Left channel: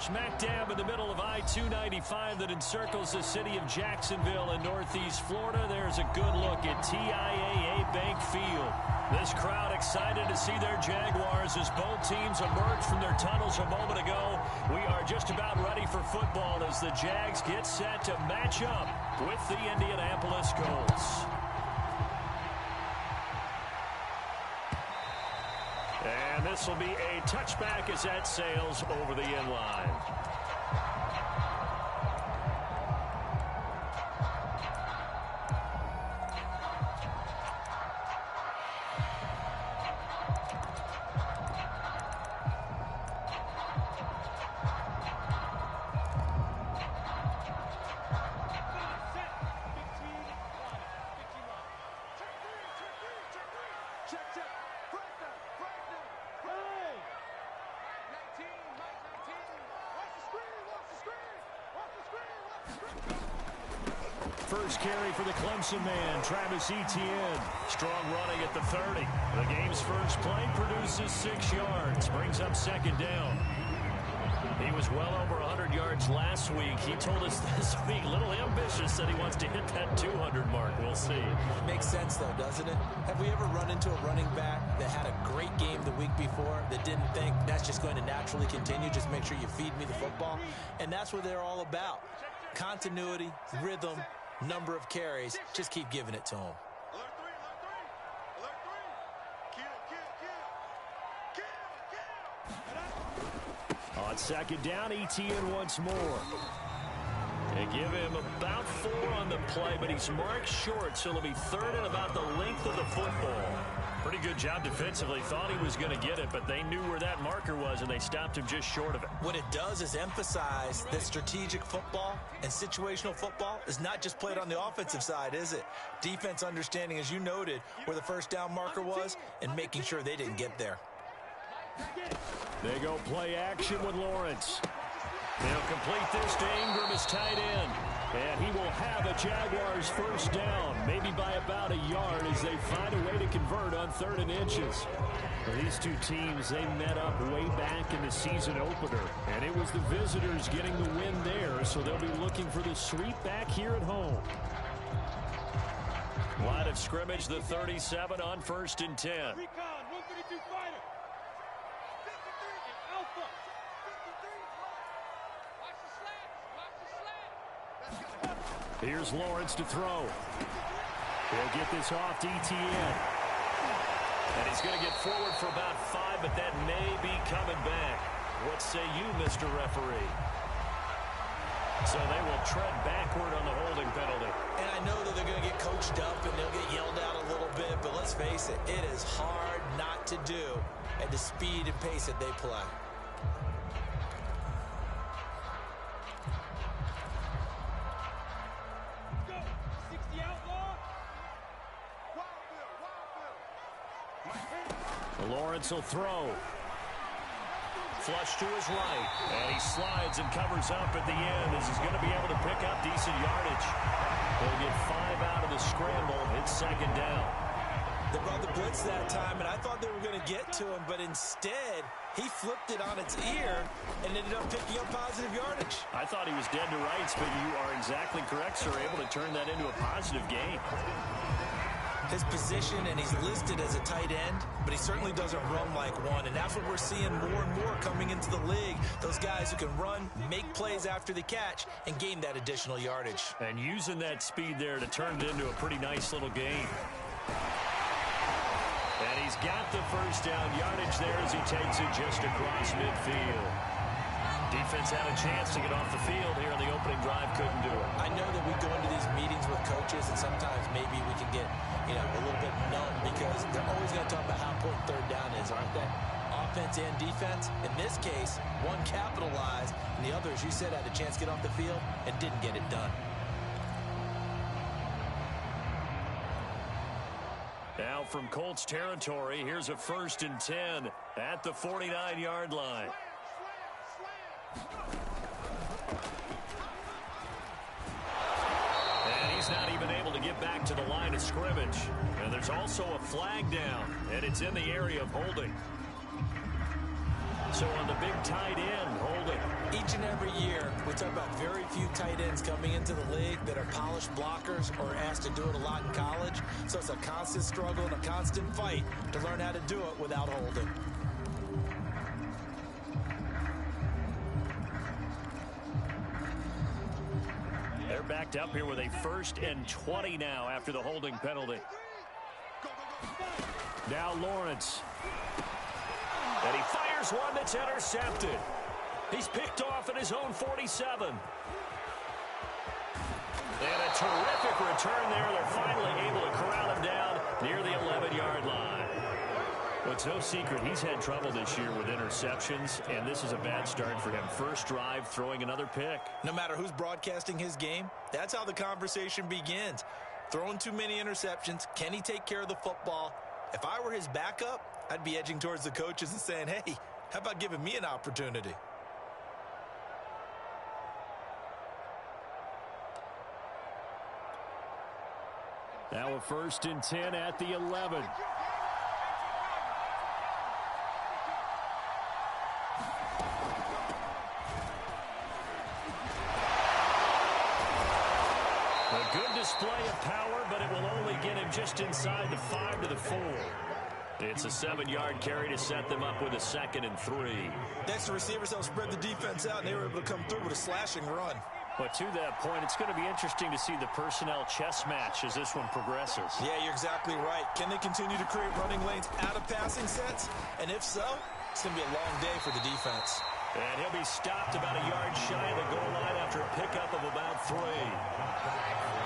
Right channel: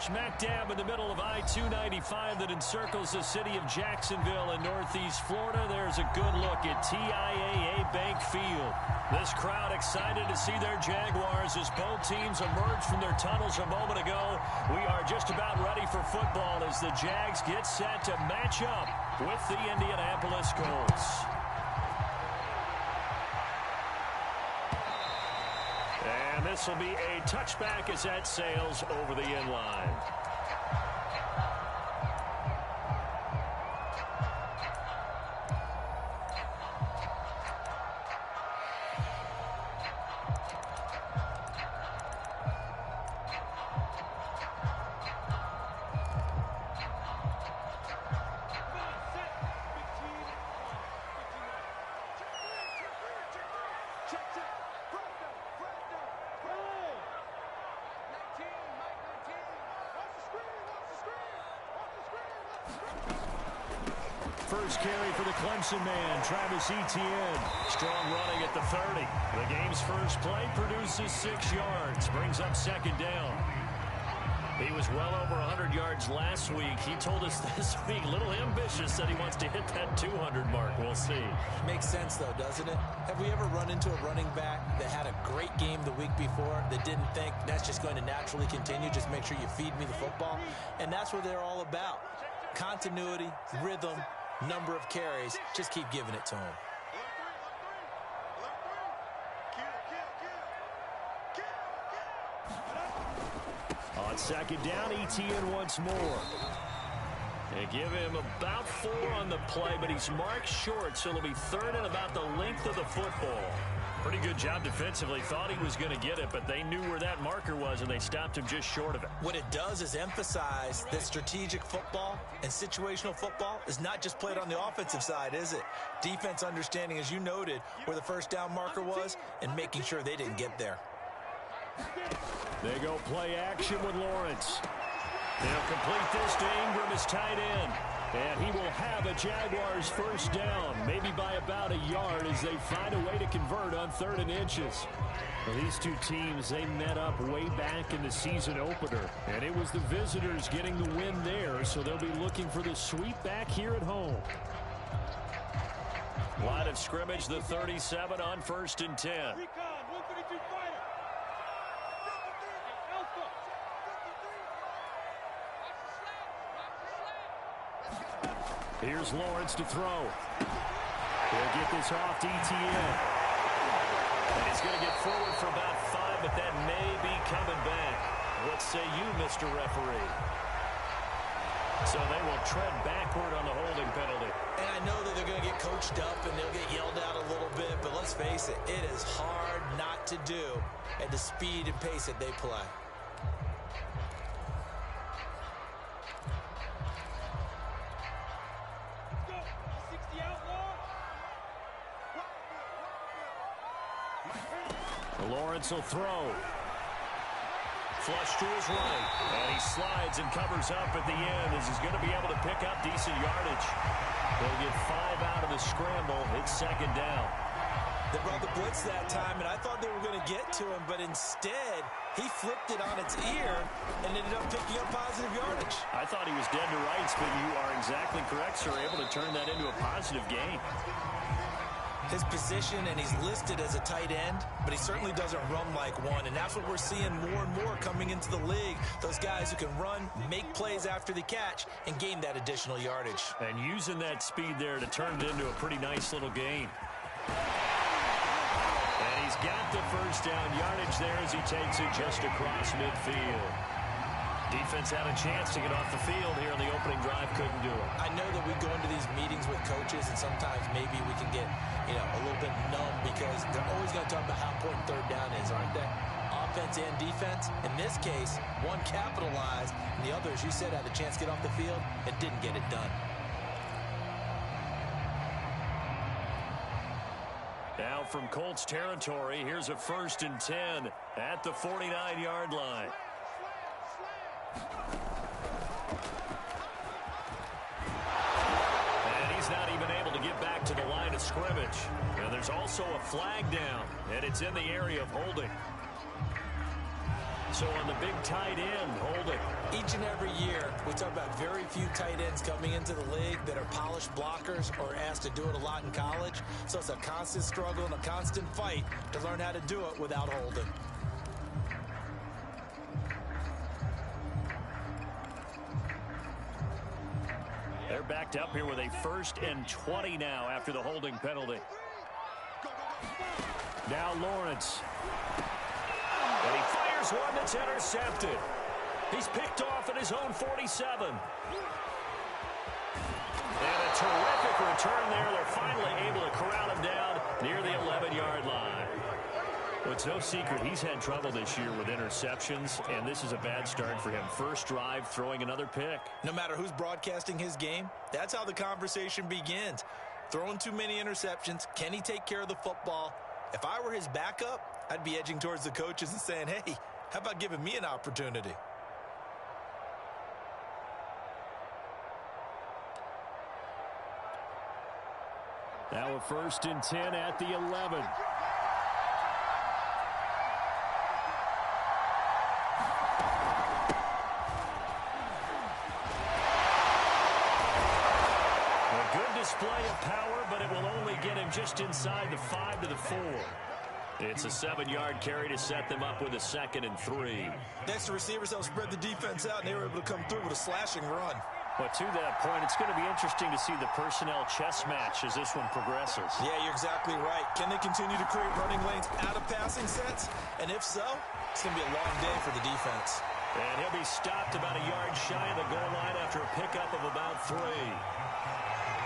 Smack dab in the middle of I-295 that encircles the city of Jacksonville in northeast Florida, there's a good look at TIAA Bank Field. This crowd excited to see their Jaguars as both teams emerge from their tunnels a moment ago. We are just about ready for football as the Jags get set to match up with the Indianapolis Colts. And this will be a touchback as that sails over the end line. First carry for the Clemson man, Travis Etienne. Strong running at the 30. The game's first play produces 6 yards, brings up second down. He was well over 100 yards last week. He told us this week, a little ambitious, that he wants to hit that 200 mark. We'll see. Makes sense, though, doesn't it? Have we ever run into a running back that had a great game the week before that didn't think that's just going to naturally continue? Just make sure you feed me the football. And that's what they're all about. Continuity, rhythm, number of carries. Just keep giving it to him. On second down, Etienne once more. They give him about 4 on the play, but he's marked short, so it'll be third and about the length of the football. Pretty good job defensively. Thought he was going to get it, but they knew where that marker was, and they stopped him just short of it. What it does is emphasize that strategic football and situational football is not just played on the offensive side, is it? Defense understanding, as you noted, where the first down marker was and making sure they didn't get there. They go play action with Lawrence. They'll complete this to Ingram as tight end. And he will have a Jaguars first down, maybe by about 1 yard as they find a way to convert on 3rd and inches. Well, these two teams, they met up way back in the season opener. And it was the visitors getting the win there, so they'll be looking for the sweep back here at home. Line of scrimmage, the 37 on 1st and 10. Recon, 132 fighter. Alpha. Here's Lawrence to throw. He'll get this off to Etienne. And he's going to get forward for about 5, but that may be coming back. What say you, Mr. Referee? So they will tread backward on the holding penalty. And I know that they're going to get coached up and they'll get yelled at a little bit, but let's face it, it is hard not to do at the speed and pace that they play. Lawrence will throw. Flush to his right. And he slides and covers up at the end as he's going to be able to pick up decent yardage. He'll get 5 out of the scramble. It's second down. They brought the blitz that time, and I thought they were going to get to him, but instead, he flipped it on its ear and ended up picking up positive yardage. I thought he was dead to rights, but you are exactly correct, sir. Able to turn that into a positive gain. His position, and he's listed as a tight end, but he certainly doesn't run like one, and that's what we're seeing more and more coming into the league. Those guys who can run, make plays after the catch, and gain that additional yardage. And using that speed there to turn it into a pretty nice little gain. And he's got the first down yardage there as he takes it just across midfield. Defense had a chance to get off the field here in the opening drive, couldn't do it. I know that we go into these meetings with coaches, and sometimes maybe we can get, a little bit numb because they're always going to talk about how important 3rd down is, aren't they? Offense and defense. In this case, one capitalized, and the other, as you said, had a chance to get off the field and didn't get it done. Now from Colts territory, here's a 1st and 10 at the 49-yard line. And he's not even able to get back to the line of scrimmage. And there's also a flag down, and it's in the area of holding. So on the big tight end, holding. Each and every year, we talk about very few tight ends coming into the league that are polished blockers or asked to do it a lot in college. So it's a constant struggle and a constant fight to learn how to do it without holding. They're backed up here with a 1st and 20 now after the holding penalty. Now Lawrence. And he fires one that's intercepted. He's picked off at his own 47. And a terrific return there. They're finally able to corral him down near the 11-yard line. Well, it's no secret he's had trouble this year with interceptions, and this is a bad start for him. First drive, throwing another pick. No matter who's broadcasting his game, that's how the conversation begins. Throwing too many interceptions, can he take care of the football? If I were his backup, I'd be edging towards the coaches and saying, hey, how about giving me an opportunity? Now a 1st and 10 at the 11. A good display of power, but it will only get him just inside the 5 to the 4. It's a 7-yard carry to set them up with a 2nd and 3. Next, the receivers helped spread the defense out, and they were able to come through with a slashing run. But to that point, it's going to be interesting to see the personnel chess match as this one progresses. Yeah, you're exactly right. Can they continue to create running lanes out of passing sets? And if so, it's going to be a long day for the defense. And he'll be stopped about a yard shy of the goal line after a pickup of about 3.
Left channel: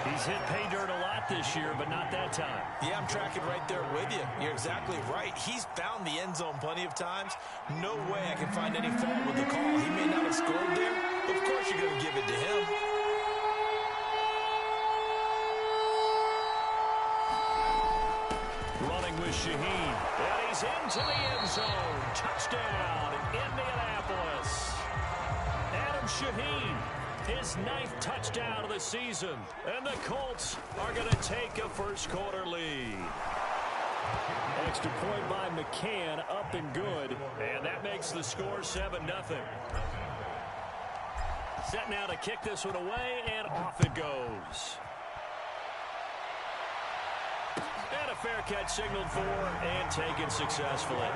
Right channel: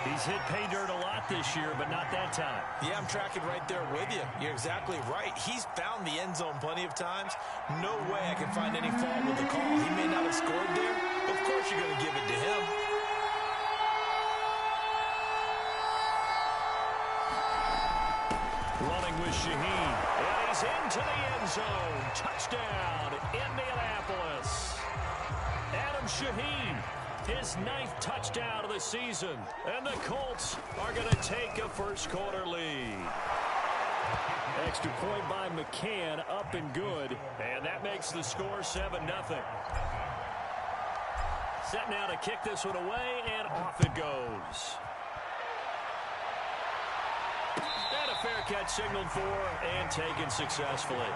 He's hit pay dirt a lot this year, but not that time. Yeah, I'm tracking right there with you. You're exactly right. He's found the end zone plenty of times. No way I can find any fault with the call. He may not have scored there. Of course you're going to give it to him. Running with Shaheen. And he's into the end zone. Touchdown, Indianapolis. Adam Shaheen. His 9th touchdown of the season. And the Colts are going to take a first-quarter lead. Extra point by McCann, up and good. And that makes the score 7-0. Set now to kick this one away, and off it goes. And a fair catch signaled for and taken successfully.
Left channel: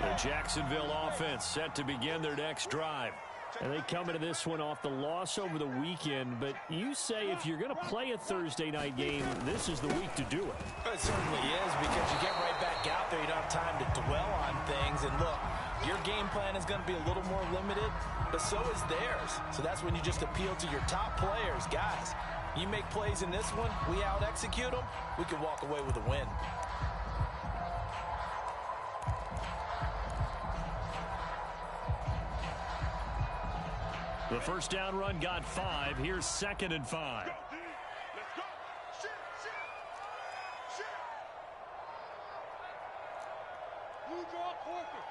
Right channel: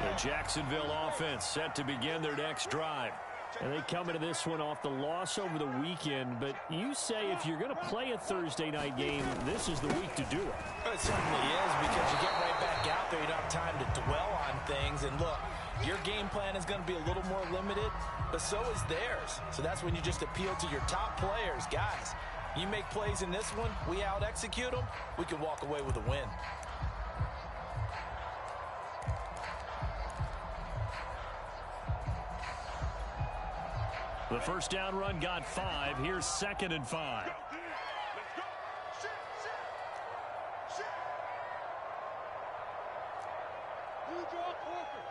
The Jacksonville offense set to begin their next drive. And they come into this one off the loss over the weekend. But you say if you're going to play a Thursday night game, this is the week to do it. It certainly is, because you get right back out there. You don't have time to dwell on things. And look, your game plan is going to be a little more limited, but so is theirs. So that's when you just appeal to your top players. Guys, you make plays in this one, we out-execute them, we can walk away with a win. The first down run got 5. Here's 2nd and 5. Let's go. Shoot. Blue draw Corker.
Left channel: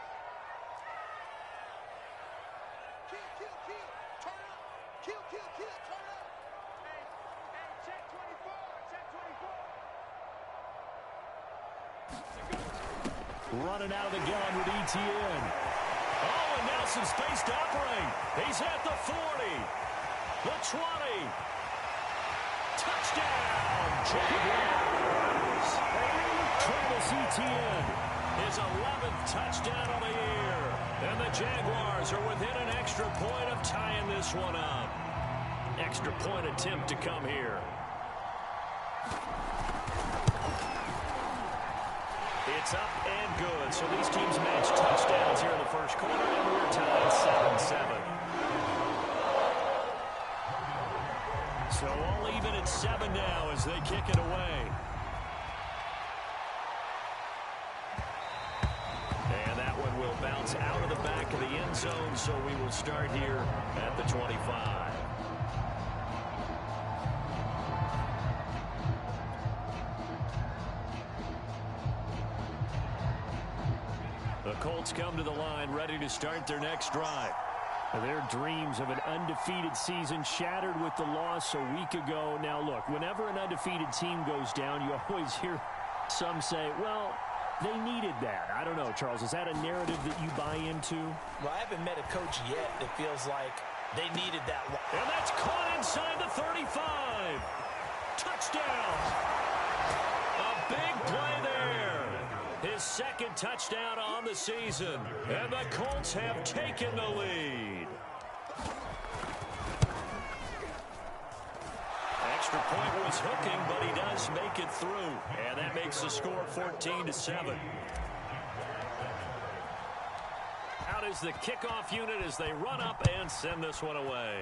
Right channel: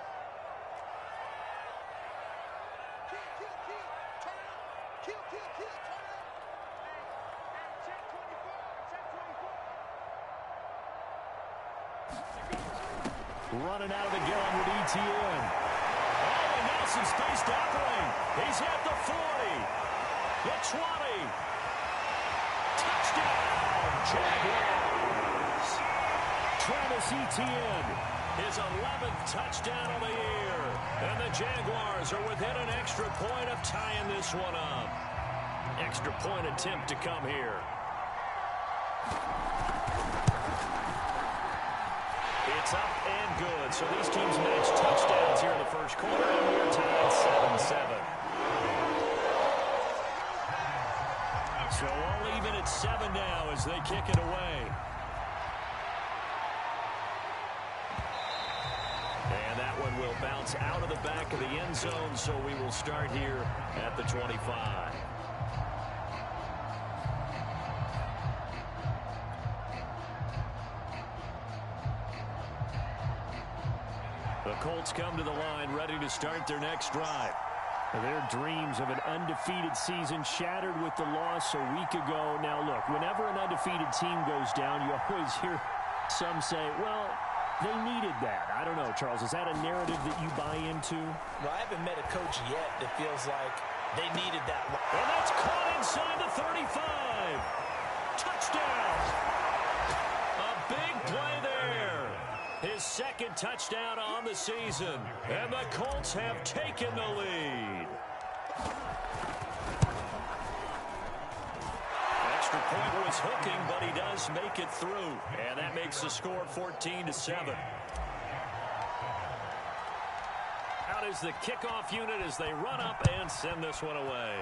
Kill. Turn up. Kill. Turn up. Hey, check 24. Running out of the gun with ETN. Oh, and now some space to operate. He's at the 40, the 20. Touchdown, Jaguars. Travis Etienne, his 11th touchdown of the year. And the Jaguars are within an extra point of tying this one up. Extra point attempt to come here. It's up and good. So these teams match touchdowns here in the first quarter, and we're tied 7-7. So all even at 7 now as they kick it away. And that one will bounce out of the back of the end zone, so we will start here at the 25. The Colts come to the line ready to start their next drive. Their dreams of an undefeated season shattered with the loss a week ago. Now, look, whenever an undefeated team goes down, you always hear some say, well, they needed that. I don't know, Charles. Is that a narrative that you buy into? Well, I haven't met a coach yet that feels like they needed that. And that's caught inside the 35. Touchdown. A big play there. His second touchdown on the season. And the Colts have taken the lead. Extra point was hooking, but he does make it through. And that makes the score 14-7. Out is the kickoff unit as they run up and send this one away.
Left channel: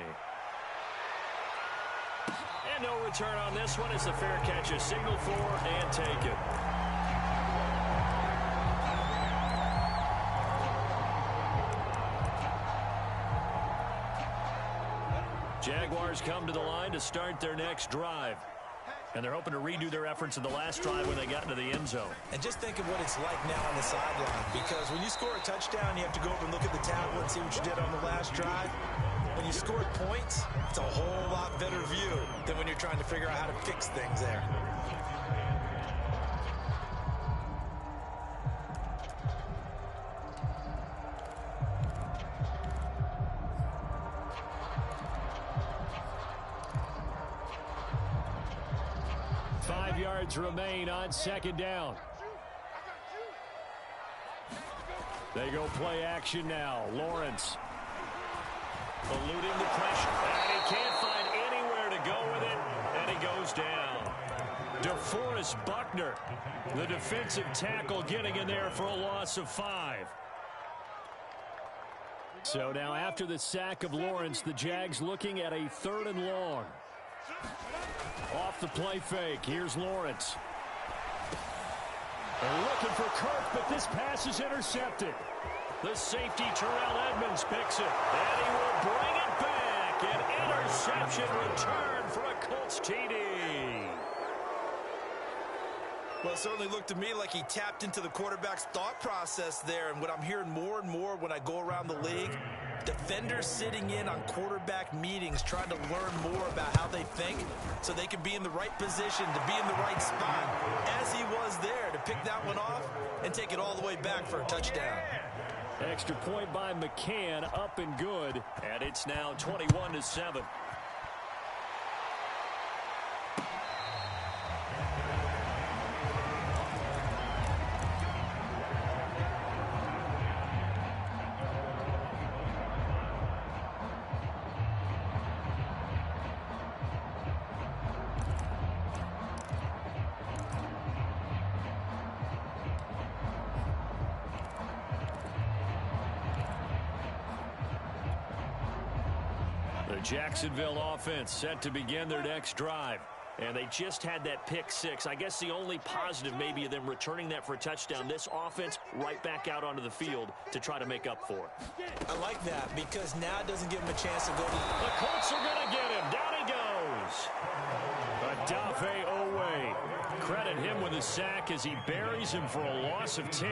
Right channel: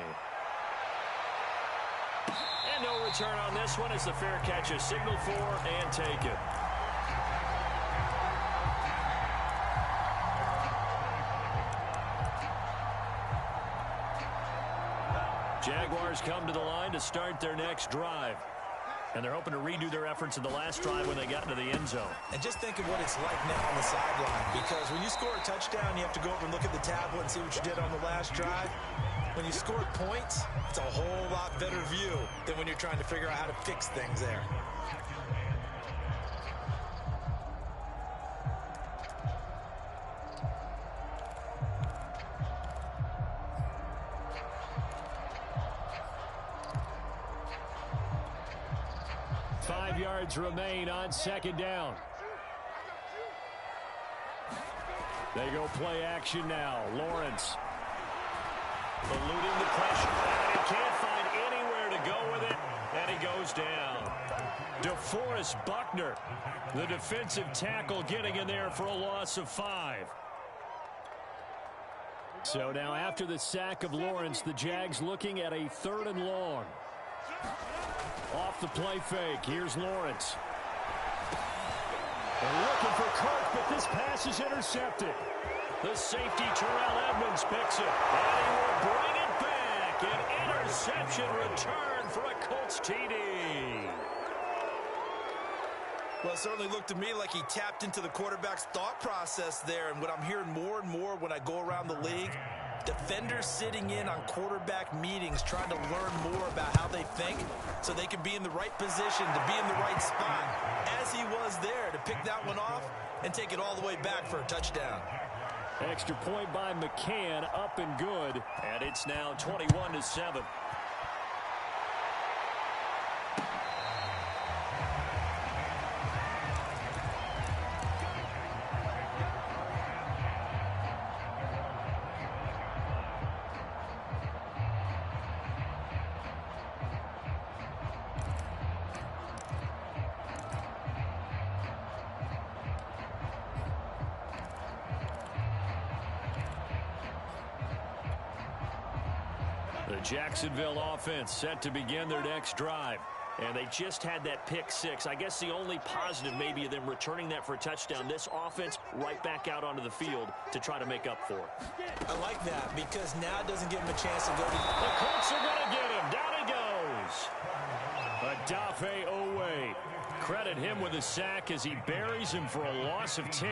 And no return on this one as the fair catch is signaled for and taken. Jaguars come to the line to start their next drive. And they're hoping to redo their efforts in the last drive when they got into the end zone. And just think of what it's like now on the sideline. Because when you score a touchdown, you have to go over and look at the tablet and see what you did on the last drive. When you scored points, it's a whole lot better view than when you're trying to figure out how to fix things there. Yards remain on second down. They go play action now. Lawrence eluding the pressure. And he can't find anywhere to go with it. And he goes down. DeForest Buckner, the defensive tackle, getting in there for a loss of 5. So now after the sack of Lawrence, the Jags looking at a 3rd and long. Off the play fake. Here's Lawrence. They're looking for Kirk, but this pass is intercepted. The safety, Terrell Edmonds, picks it. And he will bring it back. An interception return for a Colts TD. Well, it certainly looked to me like he tapped into the quarterback's thought process there. And what I'm hearing more and more when I go around the league, defenders sitting in on quarterback meetings trying to learn more about how they think so they can be in the right position to be in the right spot, as he was there to pick that one off and take it all the way back for a touchdown. Extra point by McCann, up and good, and it's now 21-7. The Jacksonville offense set to begin their next drive. And they just had that pick 6. I guess the only positive maybe of them returning that for a touchdown. This offense right back out onto the field to try to make up for it. I like that because now it doesn't give him a chance to go to... The Colts are going to get him. Down he goes. Adafe Owe. Credit him with a sack as he buries him for a loss of 10.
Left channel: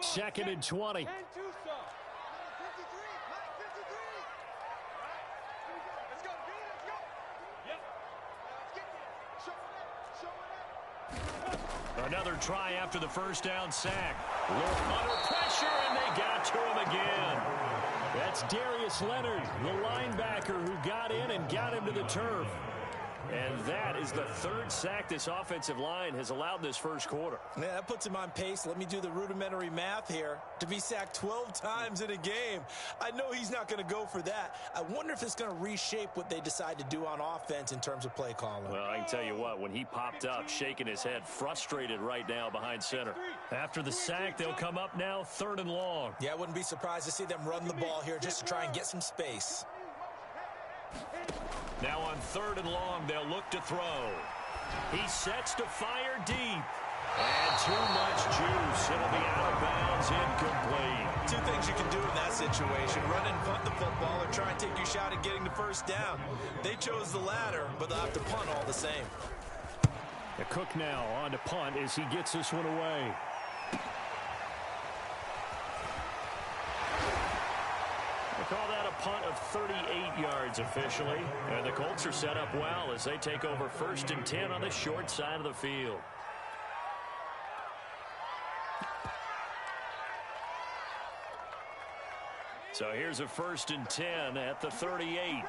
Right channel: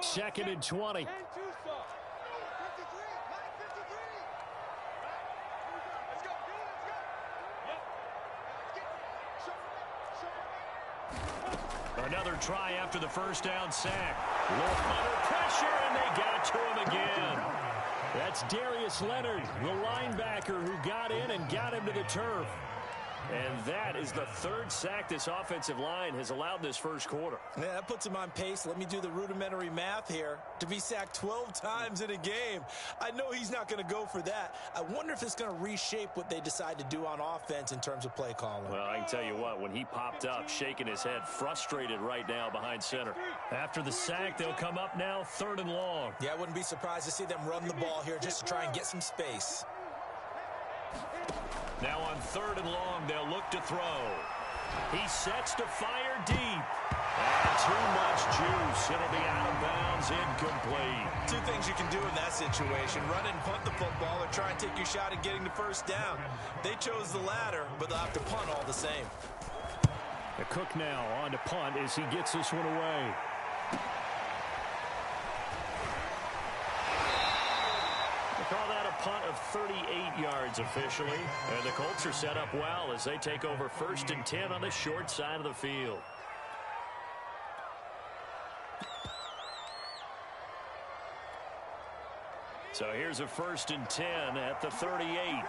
Second and 20. Another try after the first down sack. Under pressure, and they got to him again. That's Darius Leonard, the linebacker who got in and got him to the turf. And that is the 3rd sack this offensive line has allowed this first quarter. Yeah, that puts him on pace. Let me do the rudimentary math here. To be sacked 12 times in a game. I know he's not going to go for that. I wonder if it's going to reshape what they decide to do on offense in terms of play calling. Well, I can tell you what, when he popped up, shaking his head, frustrated right now behind center. After the sack, they'll come up now 3rd and long. Yeah, I wouldn't be surprised to see them run the ball here just to try and get some space. Now on 3rd and long, they'll look to throw. He sets to fire deep. And too much juice. It'll be out of bounds, incomplete. Two things you can do in that situation: run and punt the football, or try and take your shot at getting the first down. They chose the latter, but they'll have to punt all the same. The Cook now on to punt as he gets this one away. They call that a punt of 38 yards officially. And the Colts are set up well as they take over 1st and 10 on the short side of the field. So here's a 1st and 10 at the 38.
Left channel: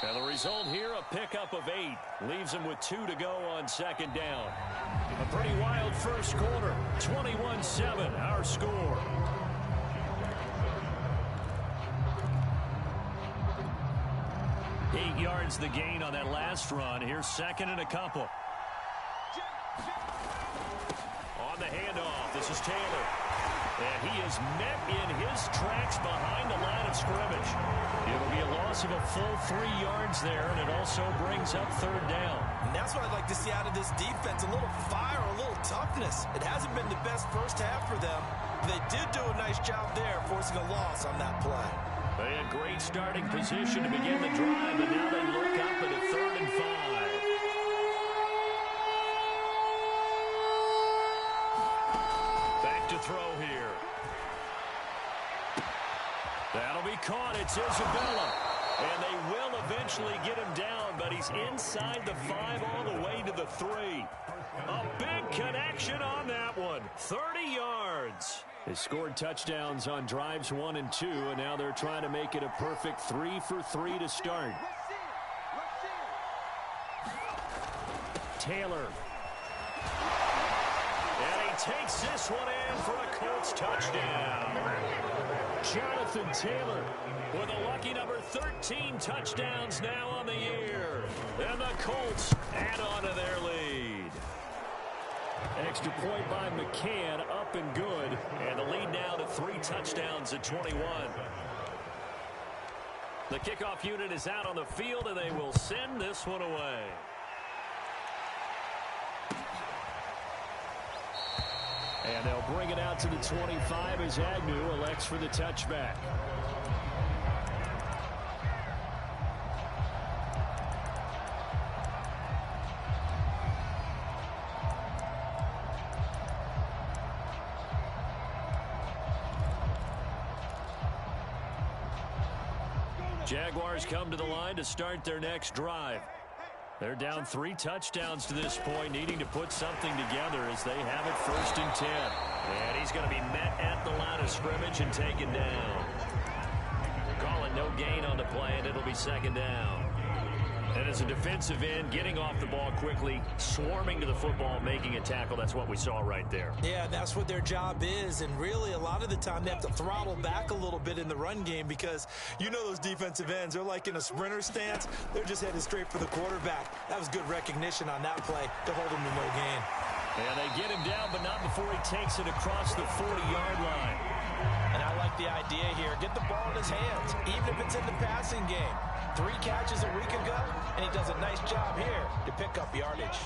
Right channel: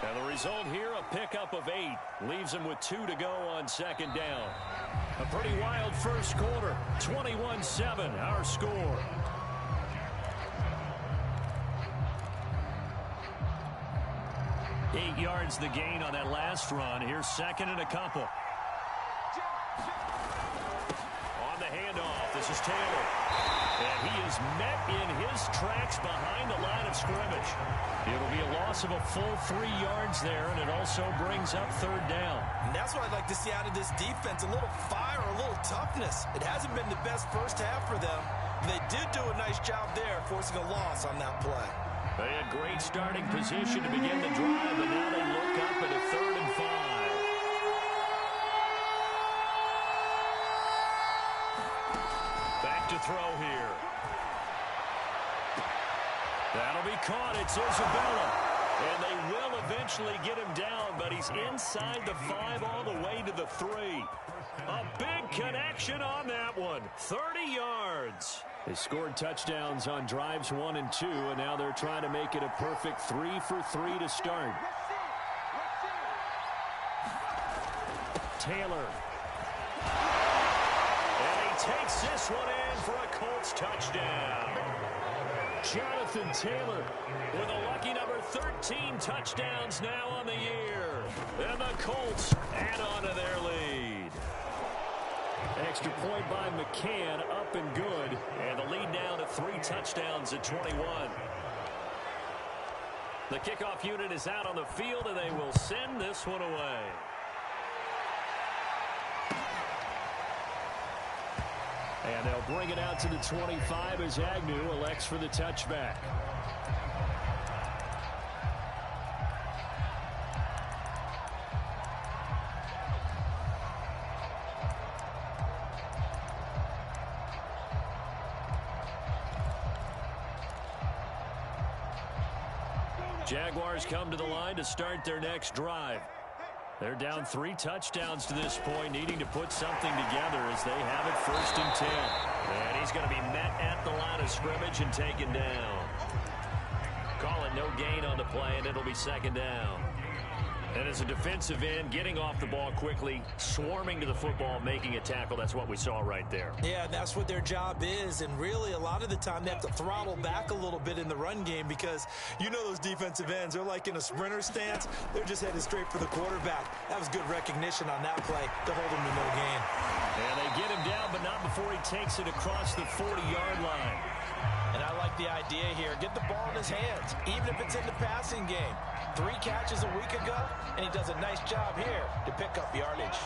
And the result here, a pickup of 8. Leaves them with 2 to go on 2nd down. A pretty wild first quarter. 21-7, our score. Eight yards the gain on that last run. Here's 2nd and a couple. On the handoff, this is Taylor. And he is met in his tracks behind the line of scrimmage. It'll be a loss of a full 3 yards there, and it also brings up 3rd down. And that's what I'd like to see out of this defense: a little fire, a little toughness. It hasn't been the best first half for them, but they did do a nice job there, forcing a loss on that play. They had great starting position to begin the drive, but now they look up at a 3rd and 5. Back to throw here. That'll be caught. It's Isabella. And they will eventually get him down, but he's inside the 5 all the way to the 3. A big connection on that one. 30 yards. They scored touchdowns on drives 1 and 2, and now they're trying to make it a perfect 3 for 3 to start. Taylor. And he takes this one in for a Colts touchdown. Jonathan Taylor with a lucky number 13 touchdowns now on the year. And the Colts add on to their lead. Extra point by McCann, up and good. And the lead now to 3 touchdowns at 21. The kickoff unit is out on the field, and they will send this one away. And they'll bring it out to the 25 as Agnew elects for the touchback. Jaguars come to the line to start their next drive. They're down 3 touchdowns to this point, needing to put something together as they have it 1st and 10. And he's going to be met at the line of scrimmage and taken down. Calling no gain on the play, and it'll be 2nd down. And as a defensive end, getting off the ball quickly, swarming to the football, making a tackle, that's what we saw right there. Yeah, that's what their job is, and really a lot of the time they have to throttle back a little bit in the run game because you know those defensive ends, they're like in a sprinter stance. They're just headed straight for the quarterback. That was good recognition on that play to hold him to no gain. And they get him down, but not before he takes it across the 40-yard line. And I like the idea here. Get the ball in his hands, even if it's in the passing game. 3 catches a week ago, and he does a nice job here to pick up yardage.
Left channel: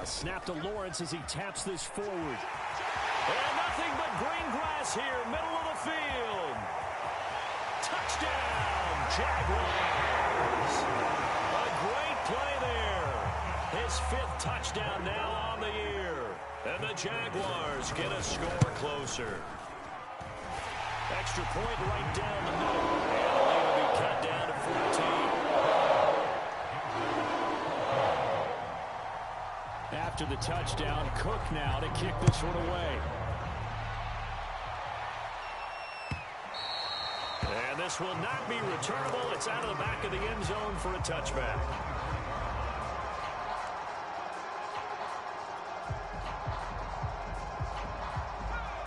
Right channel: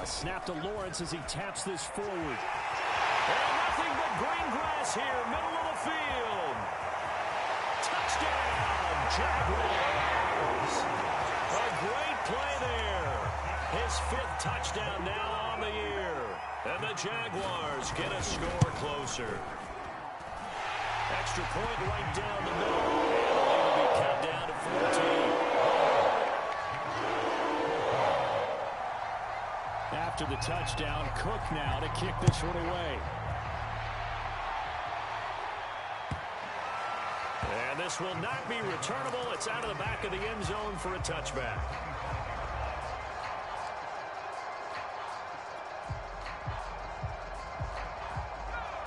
A snap to Lawrence as he taps this forward. And nothing but green grass here, middle of the field. Touchdown, Jaguars. A great play there. His 5th touchdown now on the year. And the Jaguars get a score closer. Extra point right down the middle. And the lead will be cut down to 14. After the touchdown, Cook now to kick this one away. And this will not be returnable. It's out of the back of the end zone for a touchback.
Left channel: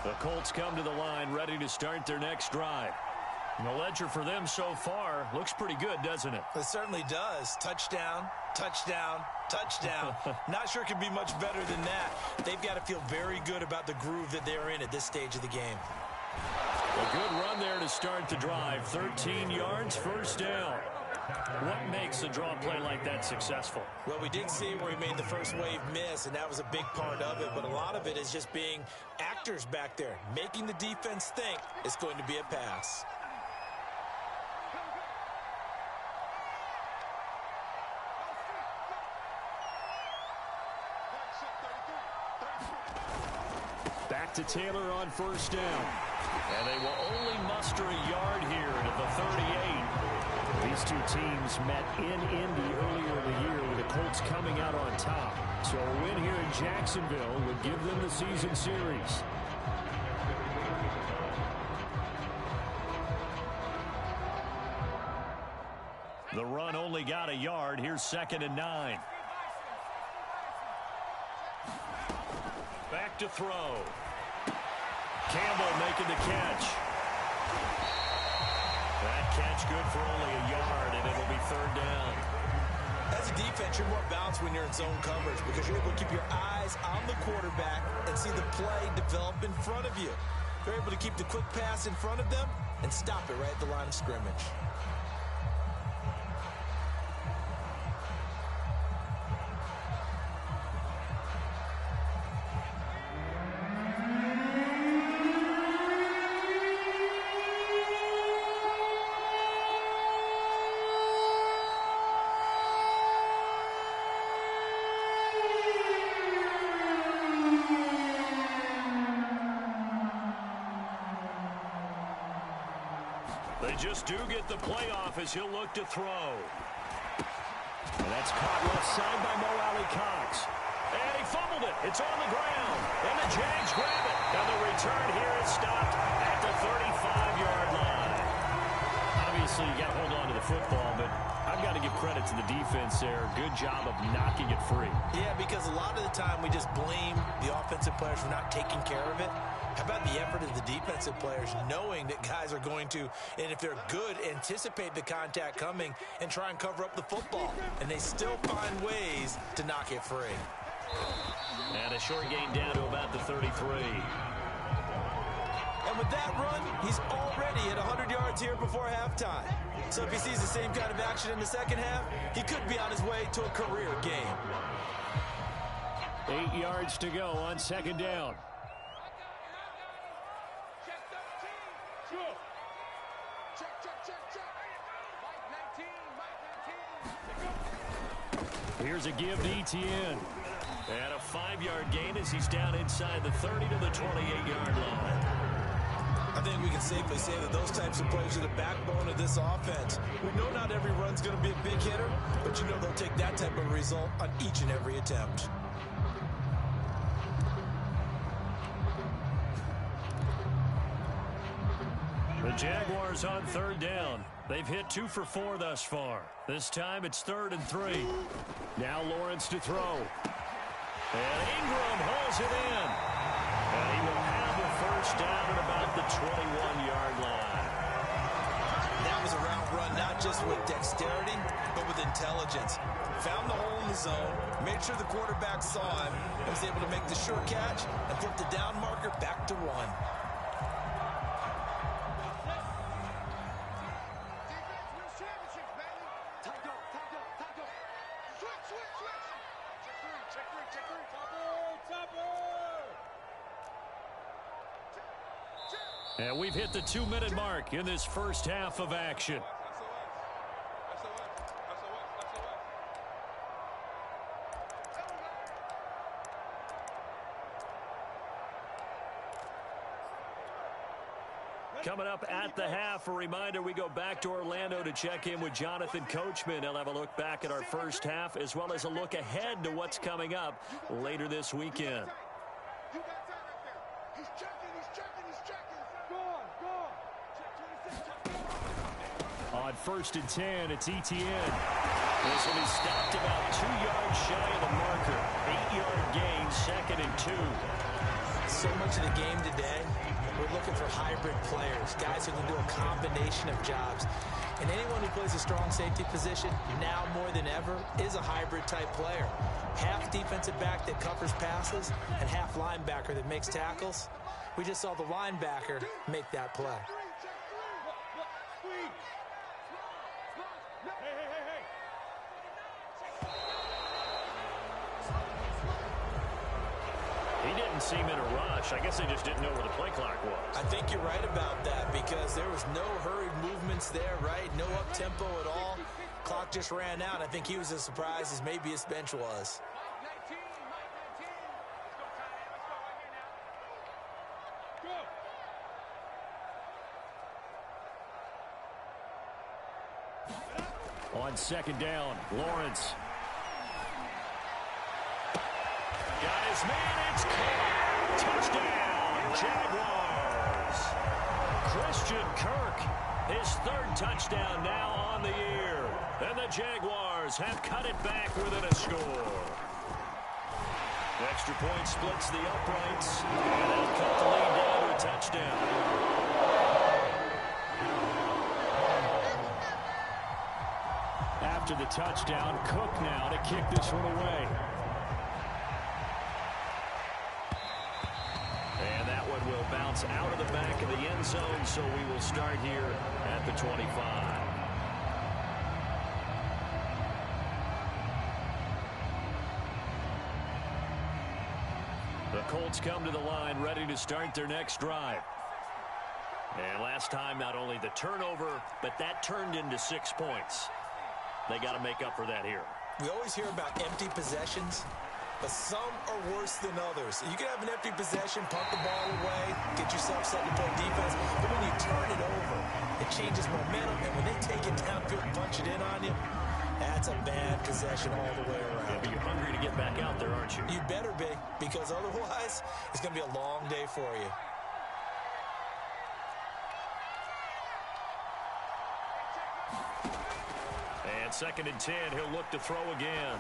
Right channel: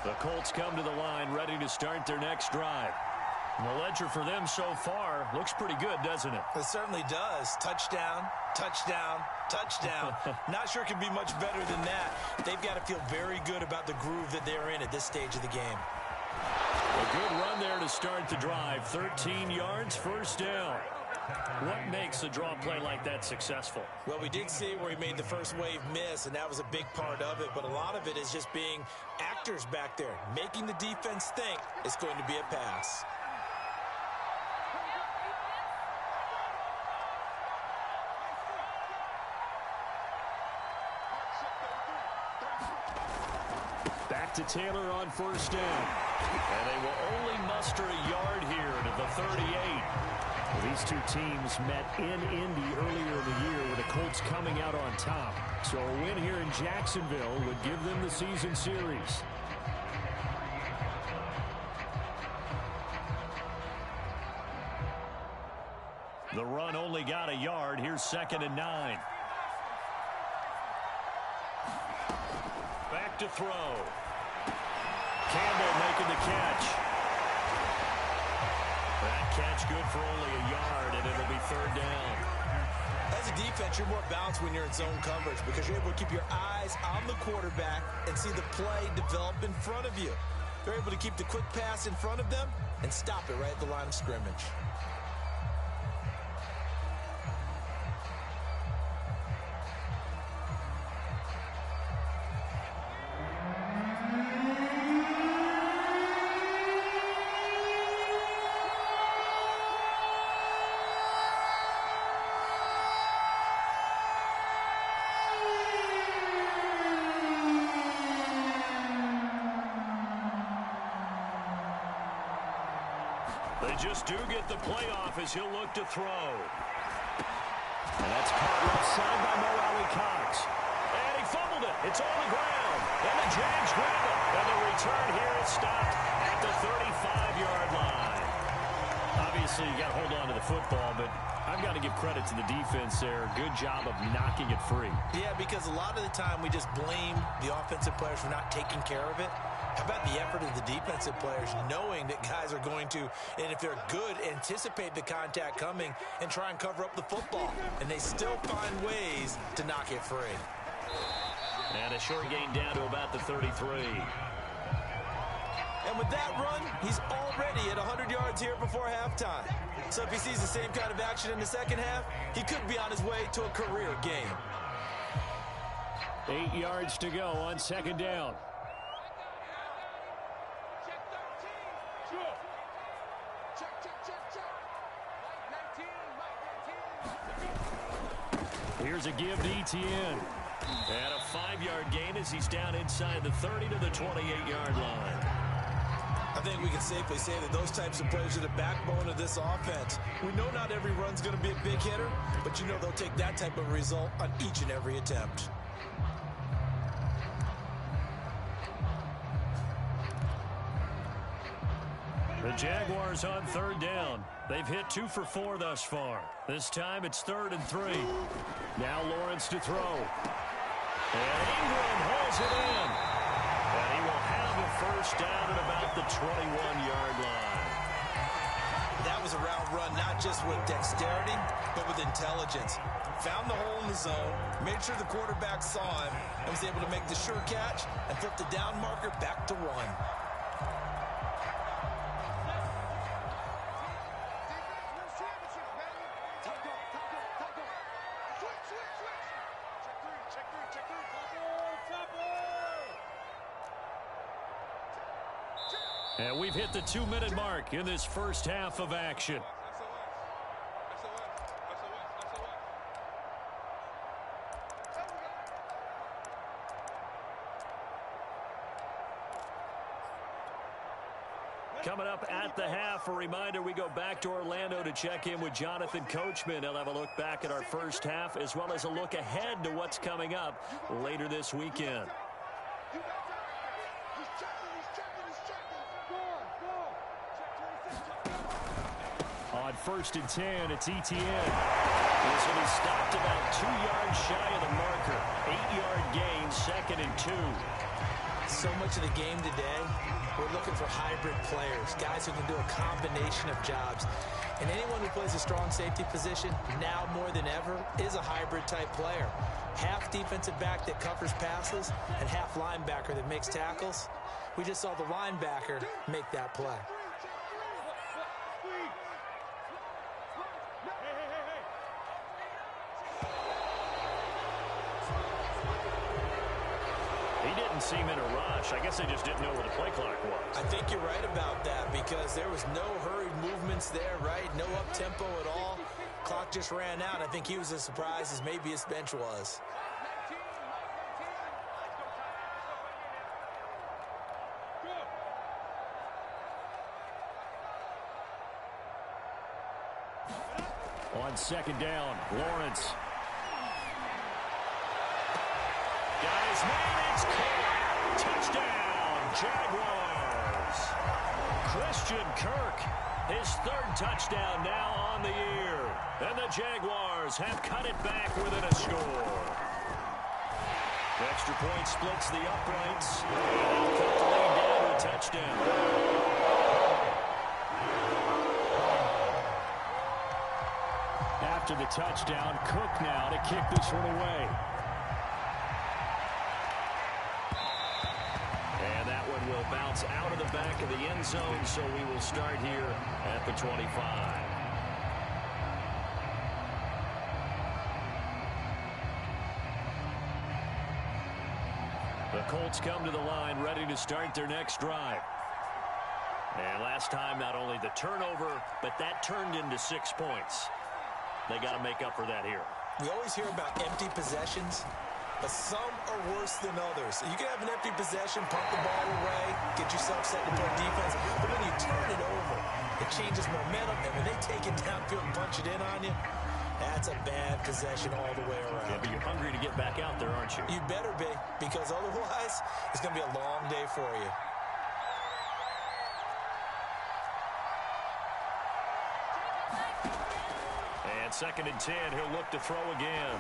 The Colts come to the line ready to start their next drive. The ledger for them so far looks pretty good, doesn't it? It certainly does. Touchdown, touchdown, touchdown. Not sure it can be much better than that. They've got to feel very good about the groove that they're in at this stage of the game. A good run there to start the drive. 13 yards, first down. What makes a draw play like that successful? Well, we did see where he made the first wave miss, and that was a big part of it. But a lot of it is just being actors back there, making the defense think it's going to be a pass. Back to Taylor on first down. And they will only muster a yard here to the 38. These two teams met in Indy earlier in the year with the Colts coming out on top. So a win here in Jacksonville would give them the season series. The run only got a yard. Here's 2nd and 9. Back to throw. Campbell making the catch. That catch good for only a yard, and it'll be 3rd down. As a defense, you're more balanced when you're in zone coverage because you're able to keep your eyes on the quarterback and see the play develop in front of you. They're able to keep the quick pass in front of them and stop it right at the line of scrimmage. They just do get the playoff as he'll look to throw. And that's caught left side by Mo Alley Cox. And he fumbled it. It's on the ground. And the Jags grab it. And the return here is stopped at the 35-yard line. Obviously, you got to hold on to the football, but I've got to give credit to the defense there. Good job of knocking it free. Yeah, because a lot of the time we just blame the offensive players for not taking care of it. How about the effort of the defensive players knowing that guys are going to, and if they're good, anticipate the contact coming and try and cover up the football. And they still find ways to knock it free. And a short gain down to about the 33. And with that run, he's already at 100 yards here before halftime. So if he sees the same kind of action in the second half, he could be on his way to a career game. 8 yards to go on 2nd down. Here's a give to ETN. And a 5-yard gain as he's down inside the 30 to the 28-yard line. I think we can safely say that those types of plays are the backbone of this offense. We know not every run's going to be a big hitter, but you know they'll take that type of result on each and every attempt. The Jaguars on 3rd down. They've hit 2 for 4 thus far. This time it's 3rd and 3. Now Lawrence to throw. And Ingram hauls it in. And he will have a first down at about the 21-yard line. That was a route run, not just with dexterity, but with intelligence. Found the hole in the zone, made sure the quarterback saw him, and was able to make the sure catch and flip the down marker back to 1. And we've hit the 2-minute mark in this first half of action. Coming up at the half, a reminder, we go back to Orlando to check in with Jonathan Coachman. He'll have a look back at our first half as well as a look ahead to what's coming up later this weekend. On 1st and 10, it's ETN. This will be stopped about 2 yards shy of the marker. 8-yard gain, 2nd and 2. so much of the game today, we're looking for hybrid players, guys who can do a combination of jobs. And anyone who plays a strong safety position, now more than ever, is a hybrid type player. Half defensive back that covers passes and half linebacker that makes tackles. We just saw the linebacker make that play. He didn't seem in a rush. I guess they just didn't know where the play clock was. I think you're right about that because there was no hurried movements there, right? No up-tempo at all. Clock just ran out. I think he was as surprised as maybe his bench was. On second down, Lawrence. Got his man, it's caught. Touchdown, Jaguars. Christian Kirk, his third touchdown now on the year. And the Jaguars have cut it back within a score. Extra point splits the uprights, and they'll cut the lead down to a touchdown. After the touchdown, Cook now to kick this one away. And that one will bounce out of the back of the end zone, so we will start here at the 25. The Colts come to the line ready to start their next drive. And last time, not only the turnover, but that turned into 6 points. They got to make up for that here. We always hear about empty possessions, but some are worse than others. You can have an empty possession, punt the ball away, get yourself set to play defense, but when you turn it over, it changes momentum, and when they take it downfield and punch it in on you, that's a bad possession all the way around. Yeah, but you're hungry to get back out there, aren't you? You better be, because otherwise, it's going to be a long day for you. And second and 10, he'll look to throw again.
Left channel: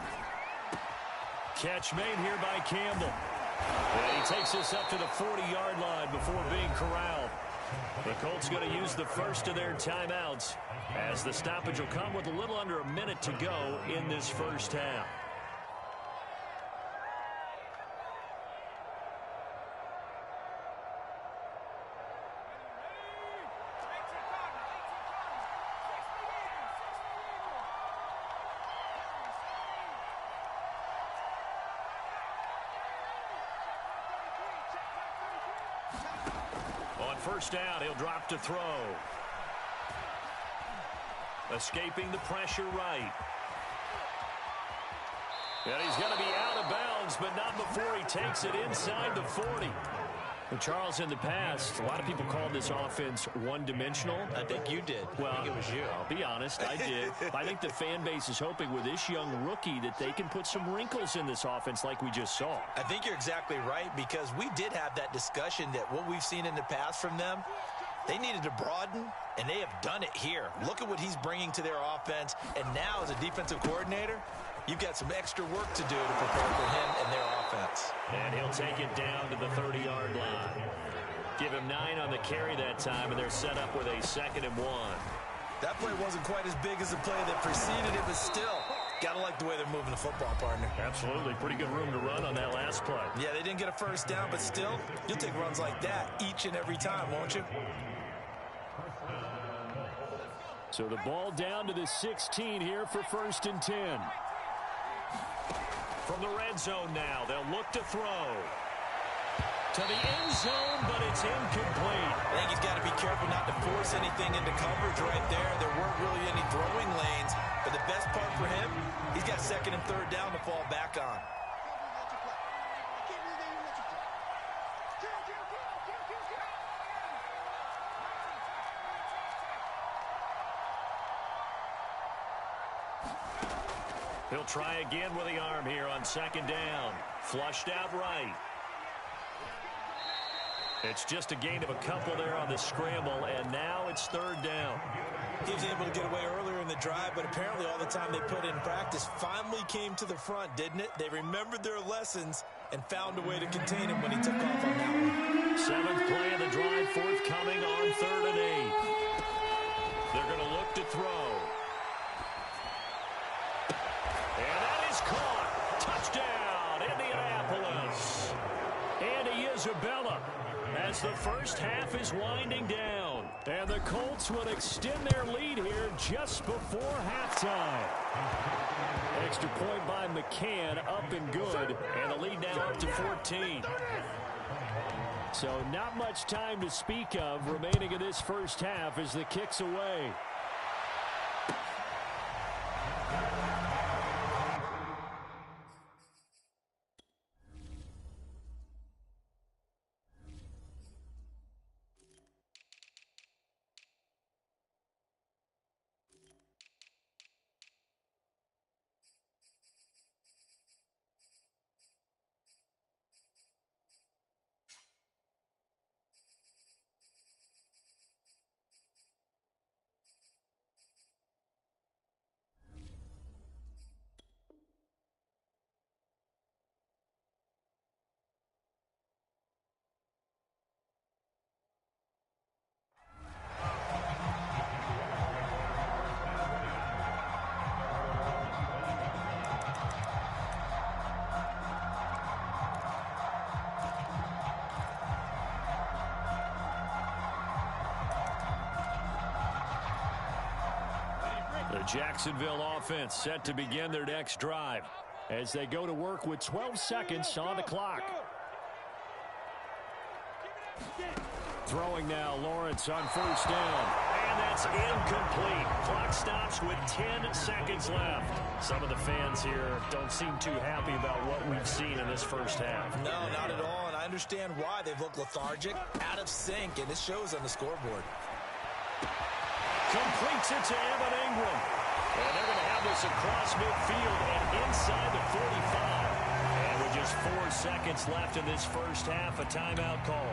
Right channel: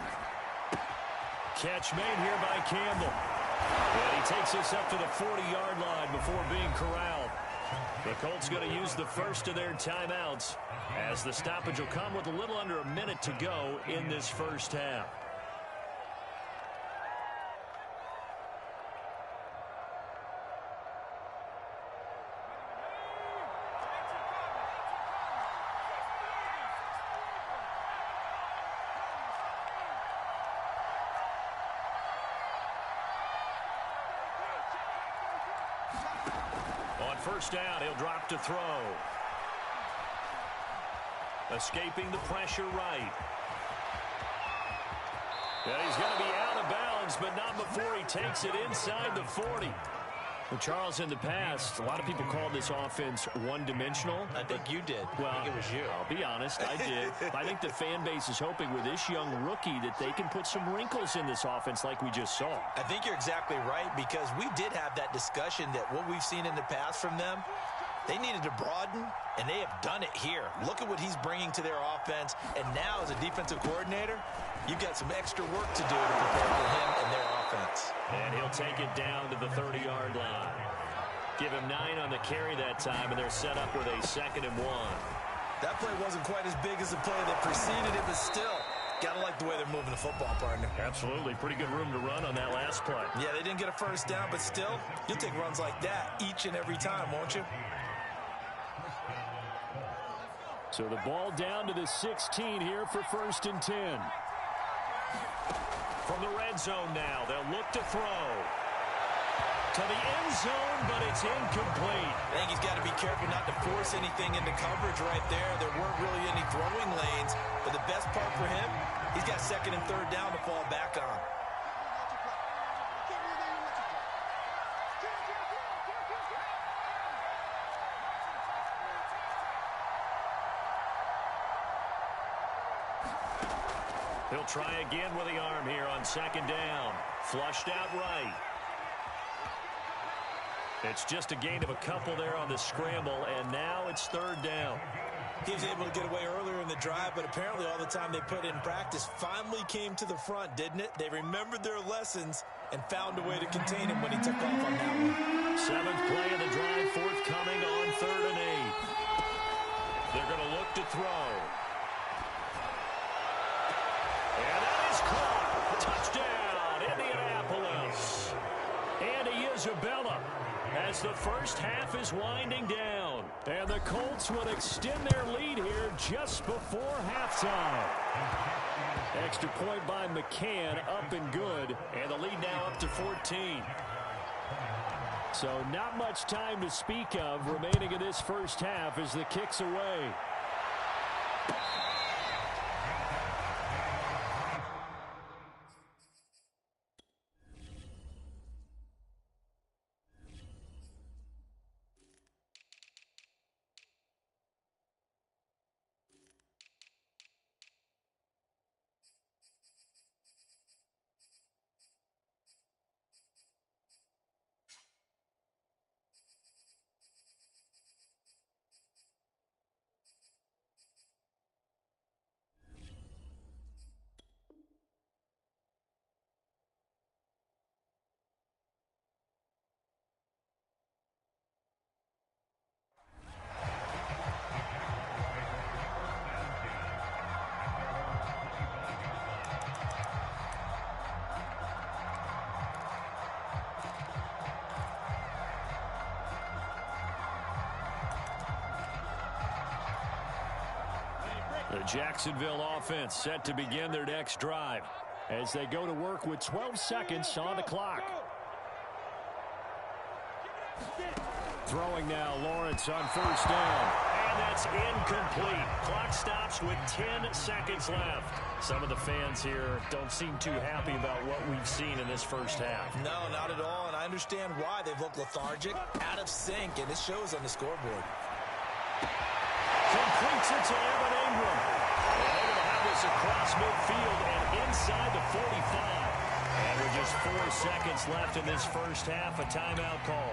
Catch made here by Campbell. And he takes this up to the 40-yard line before being corralled. The Colts going to use the first of their timeouts as the stoppage will come with a little under a minute to go in this first half. On first down, he'll drop to throw. Escaping the pressure right. And he's going to be out of bounds, but not before he takes it inside the 40. Well, Charles, in the past, a lot of people called this offense one-dimensional. I think you did. Well, I think it was you. I'll be honest, I did. I think the fan base is hoping with this young rookie that they can put some wrinkles in this offense like we just saw. I think you're exactly right, because we did have that discussion that what we've seen in the past from them, they needed to broaden, and they have done it here. Look at what he's bringing to their offense, and now as a defensive coordinator, you've got some extra work to do to prepare for him and their offense. And he'll take it down to the 30-yard line. Give him 9 on the carry that time, and they're set up with a 2nd and 1. That play wasn't quite as big as the play that preceded it, but still, got to like the way they're moving the football, partner. Absolutely. Pretty good room to run on that last play. Yeah, they didn't get a first down, but still, you'll take runs like that each and every time, won't you? So the ball down to the 16 here for 1st and 10. From the red zone now, they'll look to throw. To the end zone, but it's incomplete. I think he's got to be careful not to force anything into coverage right there. There weren't really any throwing lanes, but the best part for him, he's got 2nd and 3rd down to fall back on. He'll try again with the arm here on 2nd down. Flushed out right. It's just a gain of a couple there on the scramble, and now it's 3rd down. He was able to get away earlier in the drive, but apparently all the time they put in practice finally came to the front, didn't it? They remembered their lessons and found a way to contain him when he took off on that one. as the first half is winding down. And the Colts would extend their lead here just before halftime. Extra point by McCann, up and good. And the lead now up to 14. So not much time to speak of remaining in this first half as the kick's away. The Jacksonville offense set to begin their next drive as they go to work with 12 seconds on the clock. Throwing now, Lawrence on first down. And that's incomplete. Clock stops with 10 seconds left. Some of the fans here don't seem too happy about what we've seen in this first half. No, not at all, and I understand why. They've looked lethargic, out of sync, and it shows on the scoreboard. Completes it to Evan Ingram. And they're going to have this across midfield and inside the 45. And with just 4 seconds left in this first half, a timeout call.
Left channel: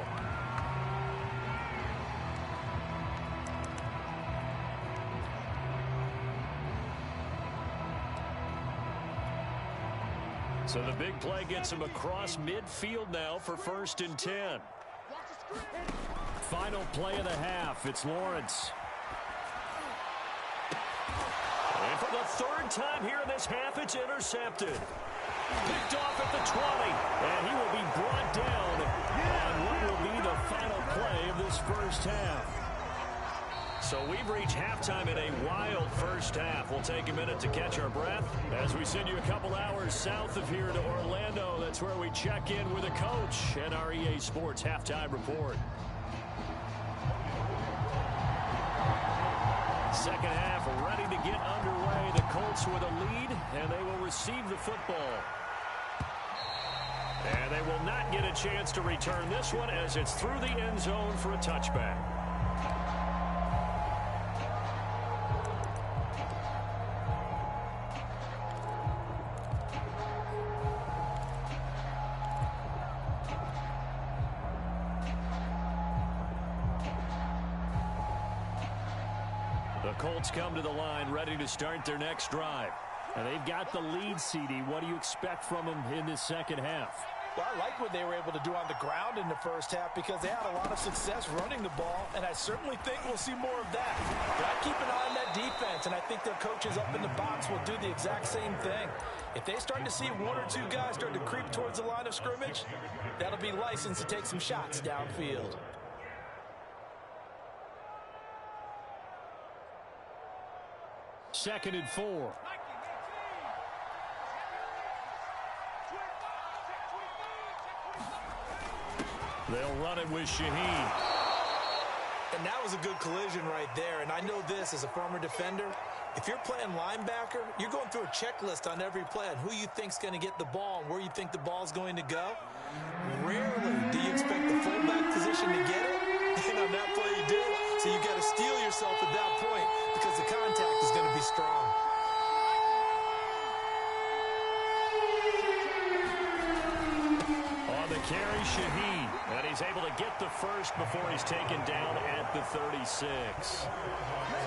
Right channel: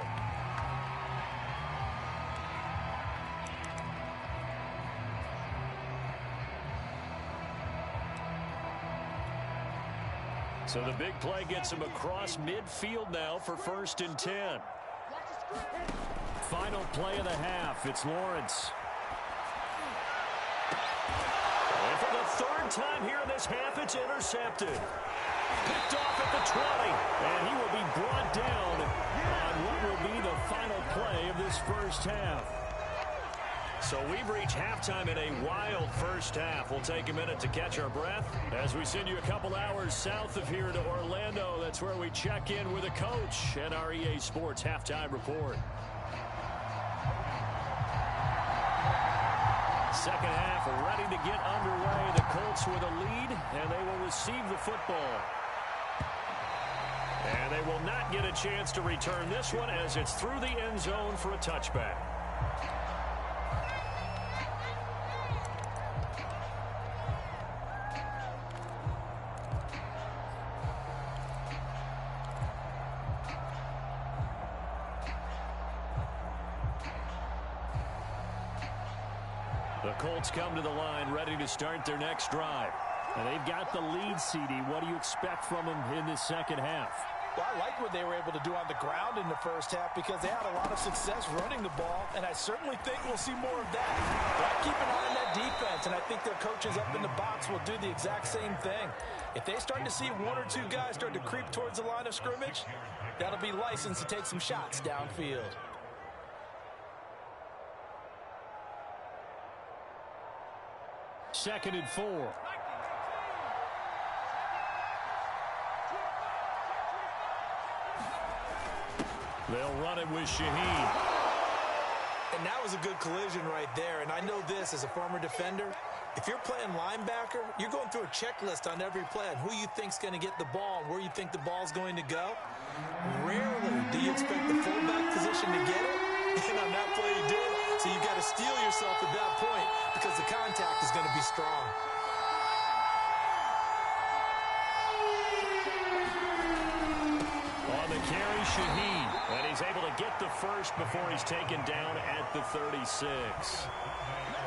So the big play gets him across midfield now for 1st and 10. Final play of the half. It's Lawrence. And for the 3rd time here in this half, it's intercepted. Picked off at the 20. And he will be brought down on what will be the final play of this first half. So we've reached halftime in a wild first half. We'll take a minute to catch our breath as we send you a couple hours south of here to Orlando. That's where we check in with a coach and our EA Sports halftime report. Second half ready to get underway. The Colts with a lead, and they will receive the football. And they will not get a chance to return this one as it's through the end zone for a touchback. The Colts come to the line ready to start their next drive. And they've got the lead, CD. What do you expect from them in this second half? Well, I like what they were able to do on the ground in the first half because they had a lot of success running the ball, and I certainly think we'll see more of that. But I keep an eye on that defense, and I think their coaches up in the box will do the exact same thing. If they start to see 1 or 2 guys start to creep towards the line of scrimmage, that'll be license to take some shots downfield. Second and 4. They'll run it with Shaheen. And that was a good collision right there. And I know this as a former defender. If you're playing linebacker, you're going through a checklist on every play on who you think's going to get the ball and where you think the ball's going to go. Rarely do you expect the fullback position to get it. And on that play, he did. So you got to steel yourself at that point because the contact is going to be strong. On the carry, Shaheen. And he's able to get the first before he's taken down at the 36.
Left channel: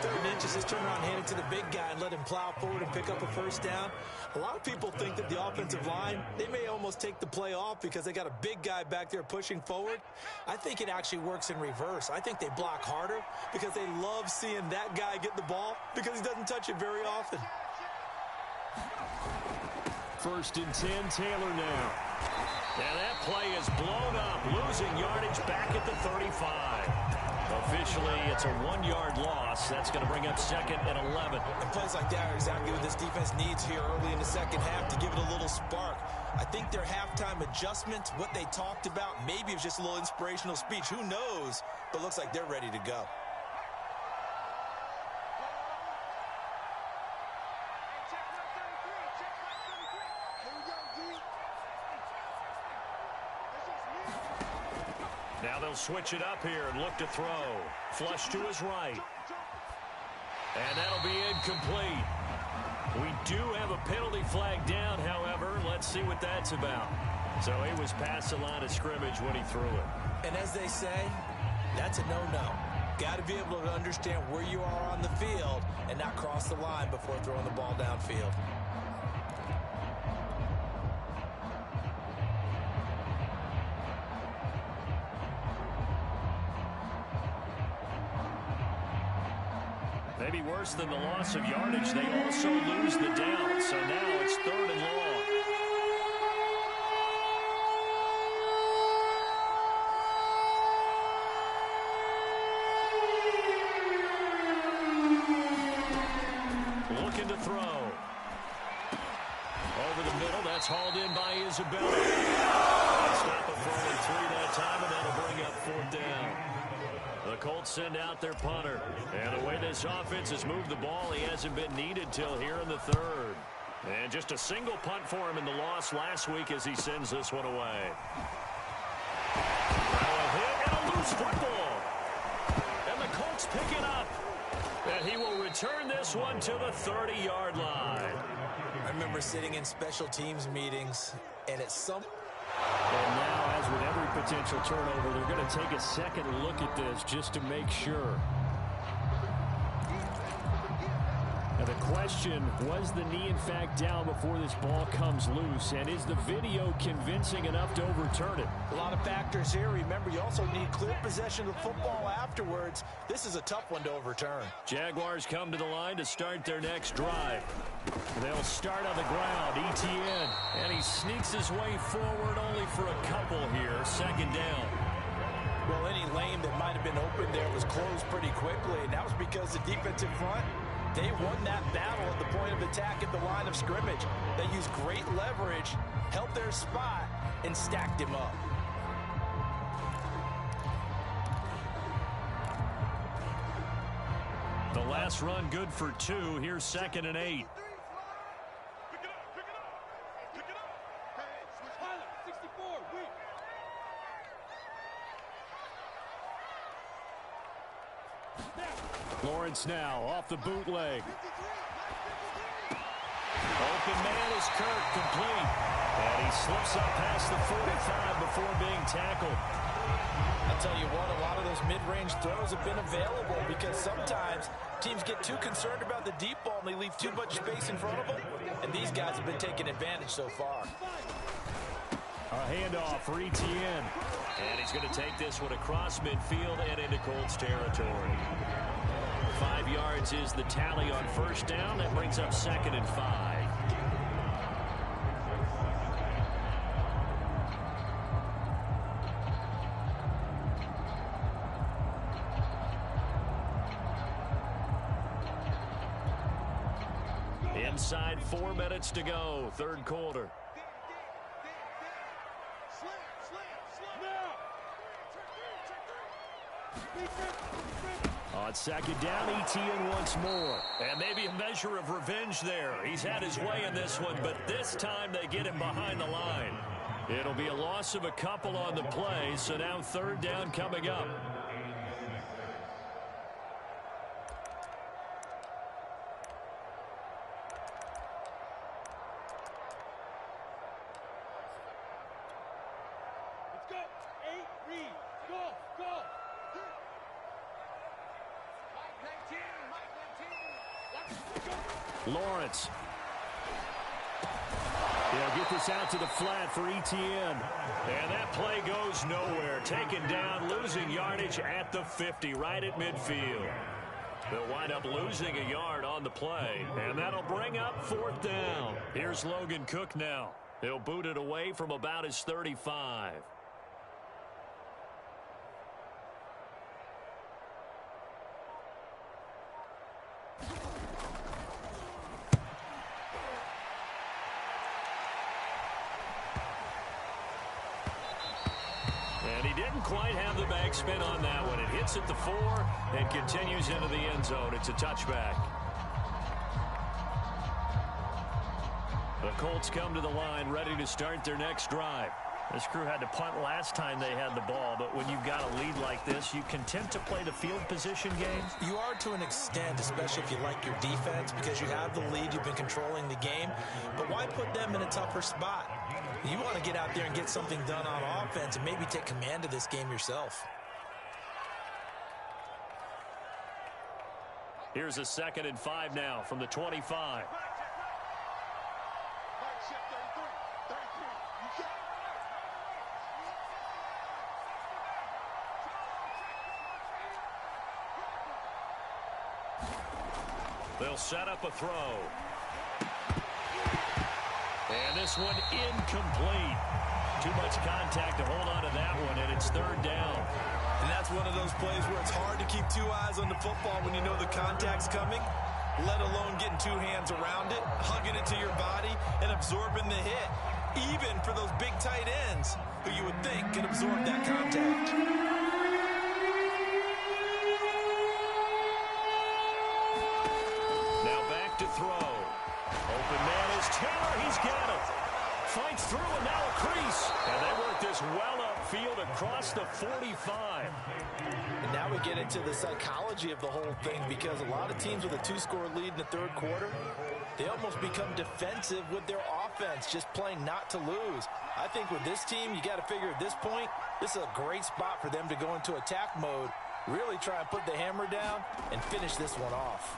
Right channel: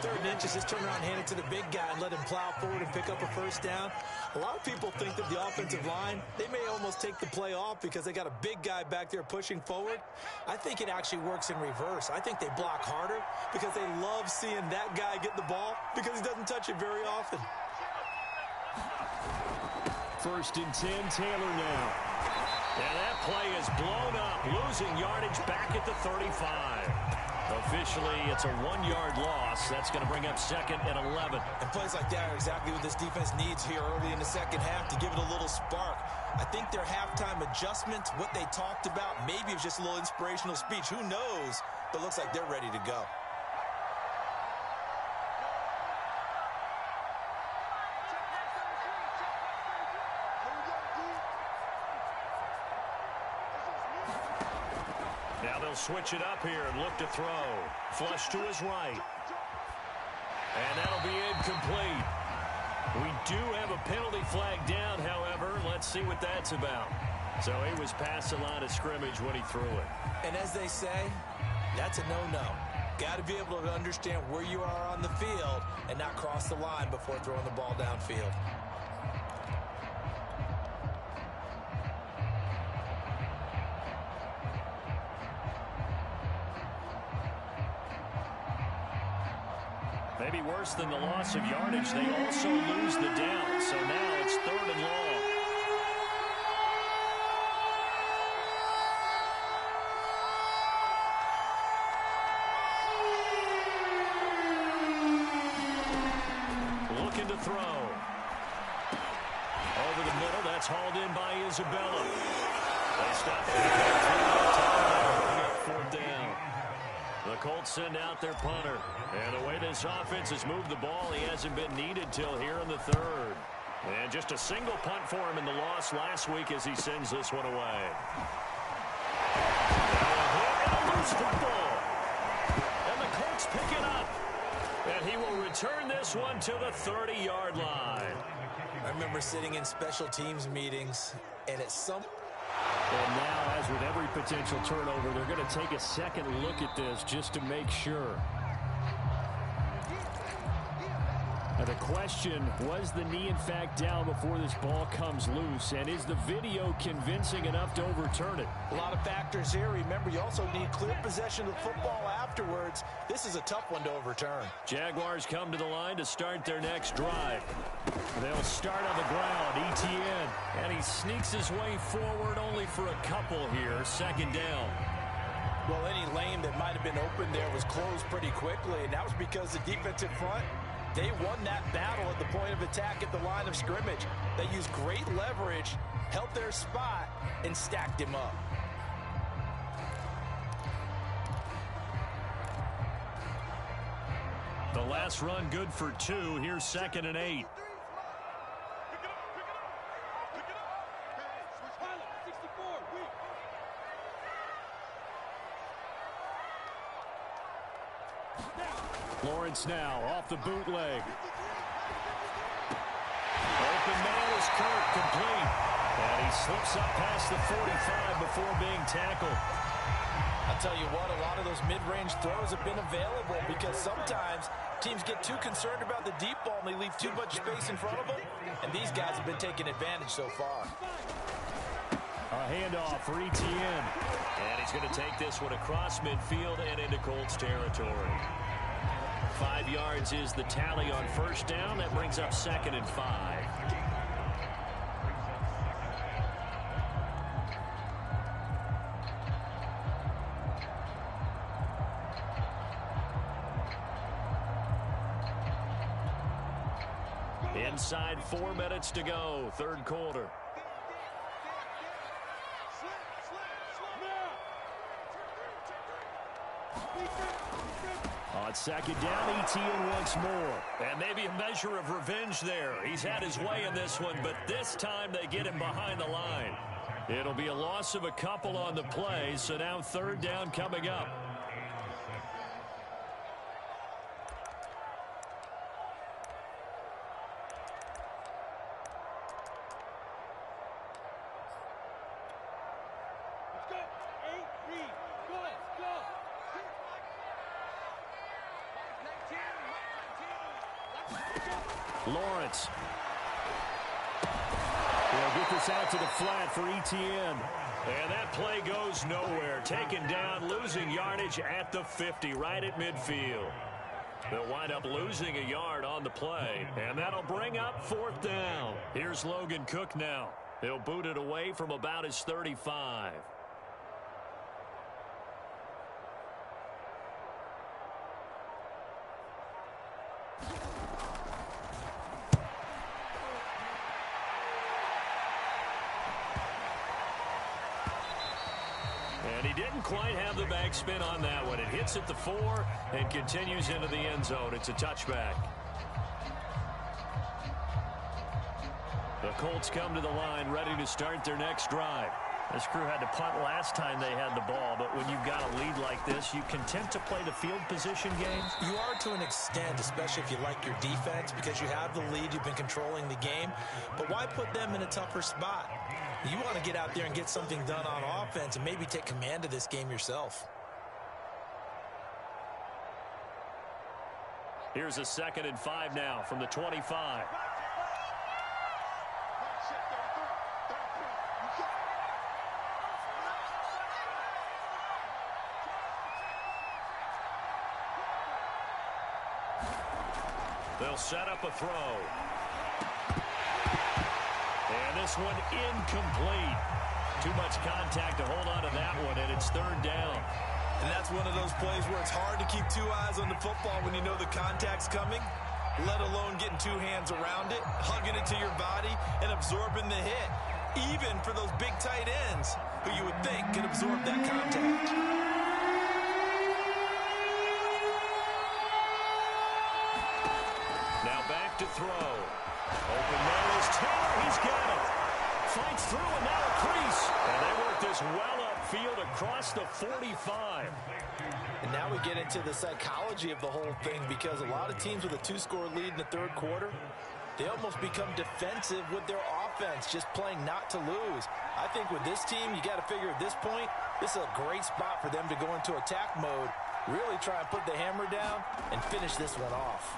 3rd inches, just turn around, hand it to the big guy and let him plow forward and pick up a first down. A lot of people think that the offensive line, they may almost take the play off because they got a big guy back there pushing forward. I think it actually works in reverse. I think they block harder because they love seeing that guy get the ball because he doesn't touch it very often. 1st and 10, Taylor now. And that play is blown up, losing yardage back at the 35. Officially, it's a 1-yard loss. That's going to bring up 2nd and 11. And plays like that are exactly what this defense needs here early in the second half to give it a little spark. I think their halftime adjustment, what they talked about, maybe it was just a little inspirational speech. Who knows? But looks like they're ready to go. Now they'll switch it up here and look to throw. Flush to his right. And that'll be incomplete. We do have a penalty flag down, however. Let's see what that's about. So he was past the line of scrimmage when he threw it. And as they say, that's a no-no. Got to be able to understand where you are on the field and not cross the line before throwing the ball downfield. Maybe worse than the loss of yardage, they also lose the down. So now it's 3rd and long. Looking to throw. Over the middle, that's hauled in by Isabella. They stop it 4-3 that time, and that'll bring up 4th down. The Colts send out their punter. And the way this offense has moved the ball, he hasn't been needed till here in the 3rd. And just a single punt for him in the loss last week as he sends this one away. Now a hit and a loose football. And the Colts pick it up. And he will return this one to the 30-yard line. I remember sitting in special teams meetings, and at some... And now, as with every potential turnover, they're going to take a second look at this just to make sure. Now the question, was the knee in fact down before this ball comes loose? And is the video convincing enough to overturn it? A lot of factors here. Remember, you also need clear possession of the football afterwards. This is a tough one to overturn. Jaguars come to the line to start their next drive. They'll start on the ground, ETN. And he sneaks his way forward only for a couple here, 2nd down. Well, any lane that might have been open there was closed pretty quickly, and that was because the defensive front, they won that battle at the point of attack at the line of scrimmage. They used great leverage, held their spot, and stacked him up. The last run good for 2. Here's 2nd and 8. Lawrence now off the bootleg. Open man is Kirk, complete. And he slips up past the 45 before being tackled. I'll tell you what, a lot of those mid-range throws have been available because sometimes teams get too concerned about the deep ball and they leave too much space in front of them. And these guys have been taking advantage so far. A handoff for ETN. And he's going to take this one across midfield and into Colts territory. 5 yards is the tally on 1st down. That brings up 2nd and 5. Inside 4 minutes to go, 3rd quarter. On 2nd down, ETN once more. And maybe a measure of revenge there. He's had his way in this one, but this time they get him behind the line. It'll be a loss of a couple on the play, so now 3rd down coming up. Let's go. 8, read. Go, go. Lawrence. They'll get this out to the flat for ETN. And that play goes nowhere. Taken down, losing yardage at the 50, right at midfield. They'll wind up losing a yard on the play. And that'll bring up 4th down. Here's Logan Cook now. He'll boot it away from about his 35. And he didn't quite have the backspin on that one. It hits at the 4 and continues into the end zone. It's a touchback. The Colts come to the line ready to start their next drive. This crew had to punt last time they had the ball, but when you've got a lead like this, you content to play the field position game? You are to an extent, especially if you like your defense, because you have the lead, you've been controlling the game. But why put them in a tougher spot? You want to get out there and get something done on offense and maybe take command of this game yourself. Here's a 2nd and 5 now from the 25. They'll set up a throw. And this one incomplete. Too much contact to hold on to that one, and it's 3rd down. And that's one of those plays where it's hard to keep 2 eyes on the football when you know the contact's coming, let alone getting 2 hands around it, hugging it to your body, and absorbing the hit, even for those big tight ends who you would think could absorb that contact. Now back to throw. Open man is Taylor. He's got it. Fights through and now a crease. And they work this well upfield across the 45. And now we get into the psychology of the whole thing, because a lot of teams with a 2-score lead in the 3rd quarter, they almost become defensive with their offense, just playing not to lose. I think with this team, you got to figure at this point, this is a great spot for them to go into attack mode, really try and put the hammer down and finish this one off.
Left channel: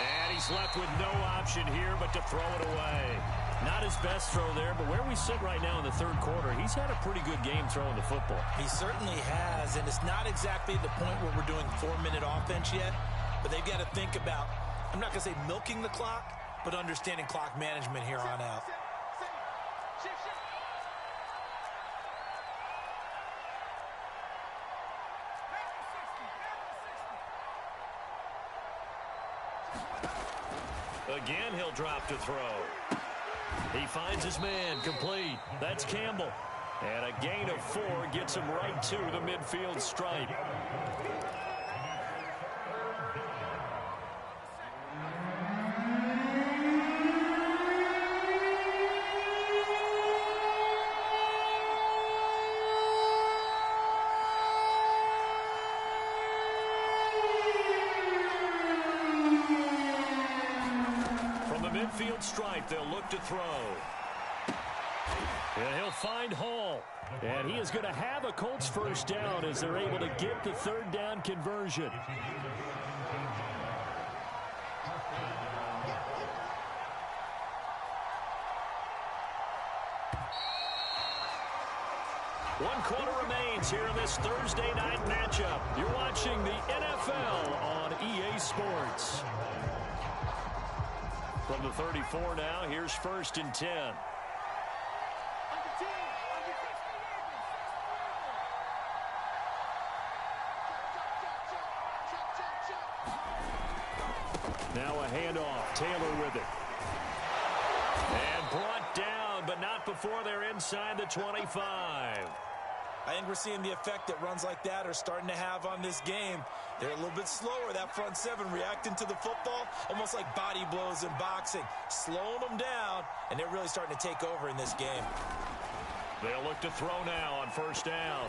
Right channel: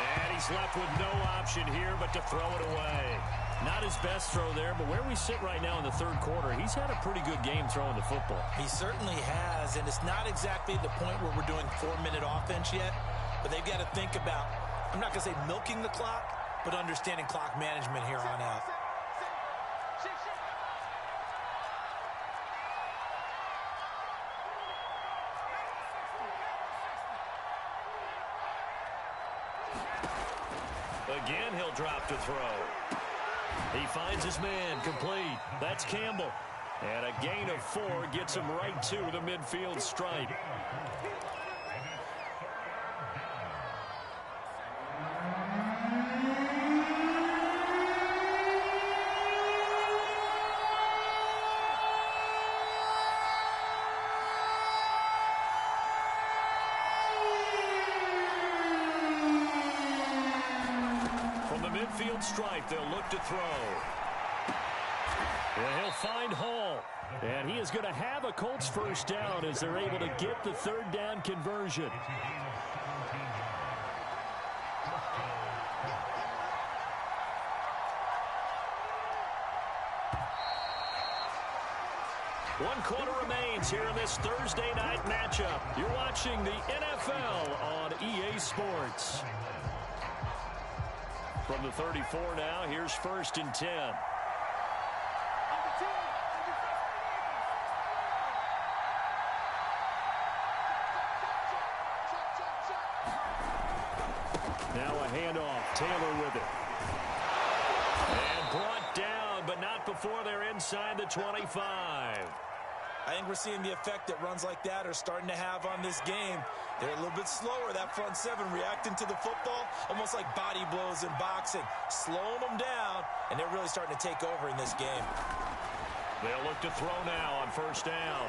And he's left with no option here but to throw it away. Not his best throw there, but where we sit right now in the 3rd quarter, he's had a pretty good game throwing the football. He certainly has, and it's not exactly the point where we're doing 4-minute offense yet, but they've got to think about, I'm not going to say milking the clock, but understanding clock management here on out. Again, he'll drop to throw. He finds his man, complete. That's Campbell. And a gain of 4 gets him right to the midfield stripe. Midfield stripe, they'll look to throw. And he'll find Hall. And he is going to have a Colts 1st down as they're able to get the 3rd down conversion. One quarter remains here in this Thursday night matchup. You're watching the NFL on EA Sports. From the 34 now, here's 1st and 10. Now a handoff. Taylor with it. And brought down, but not before they're inside the 25. I think we're seeing the effect that runs like that are starting to have on this game. They're a little bit slower, that front 7, reacting to the football, almost like body blows in boxing, slowing them down, and they're really starting to take over in this game. They'll look to throw now on 1st down.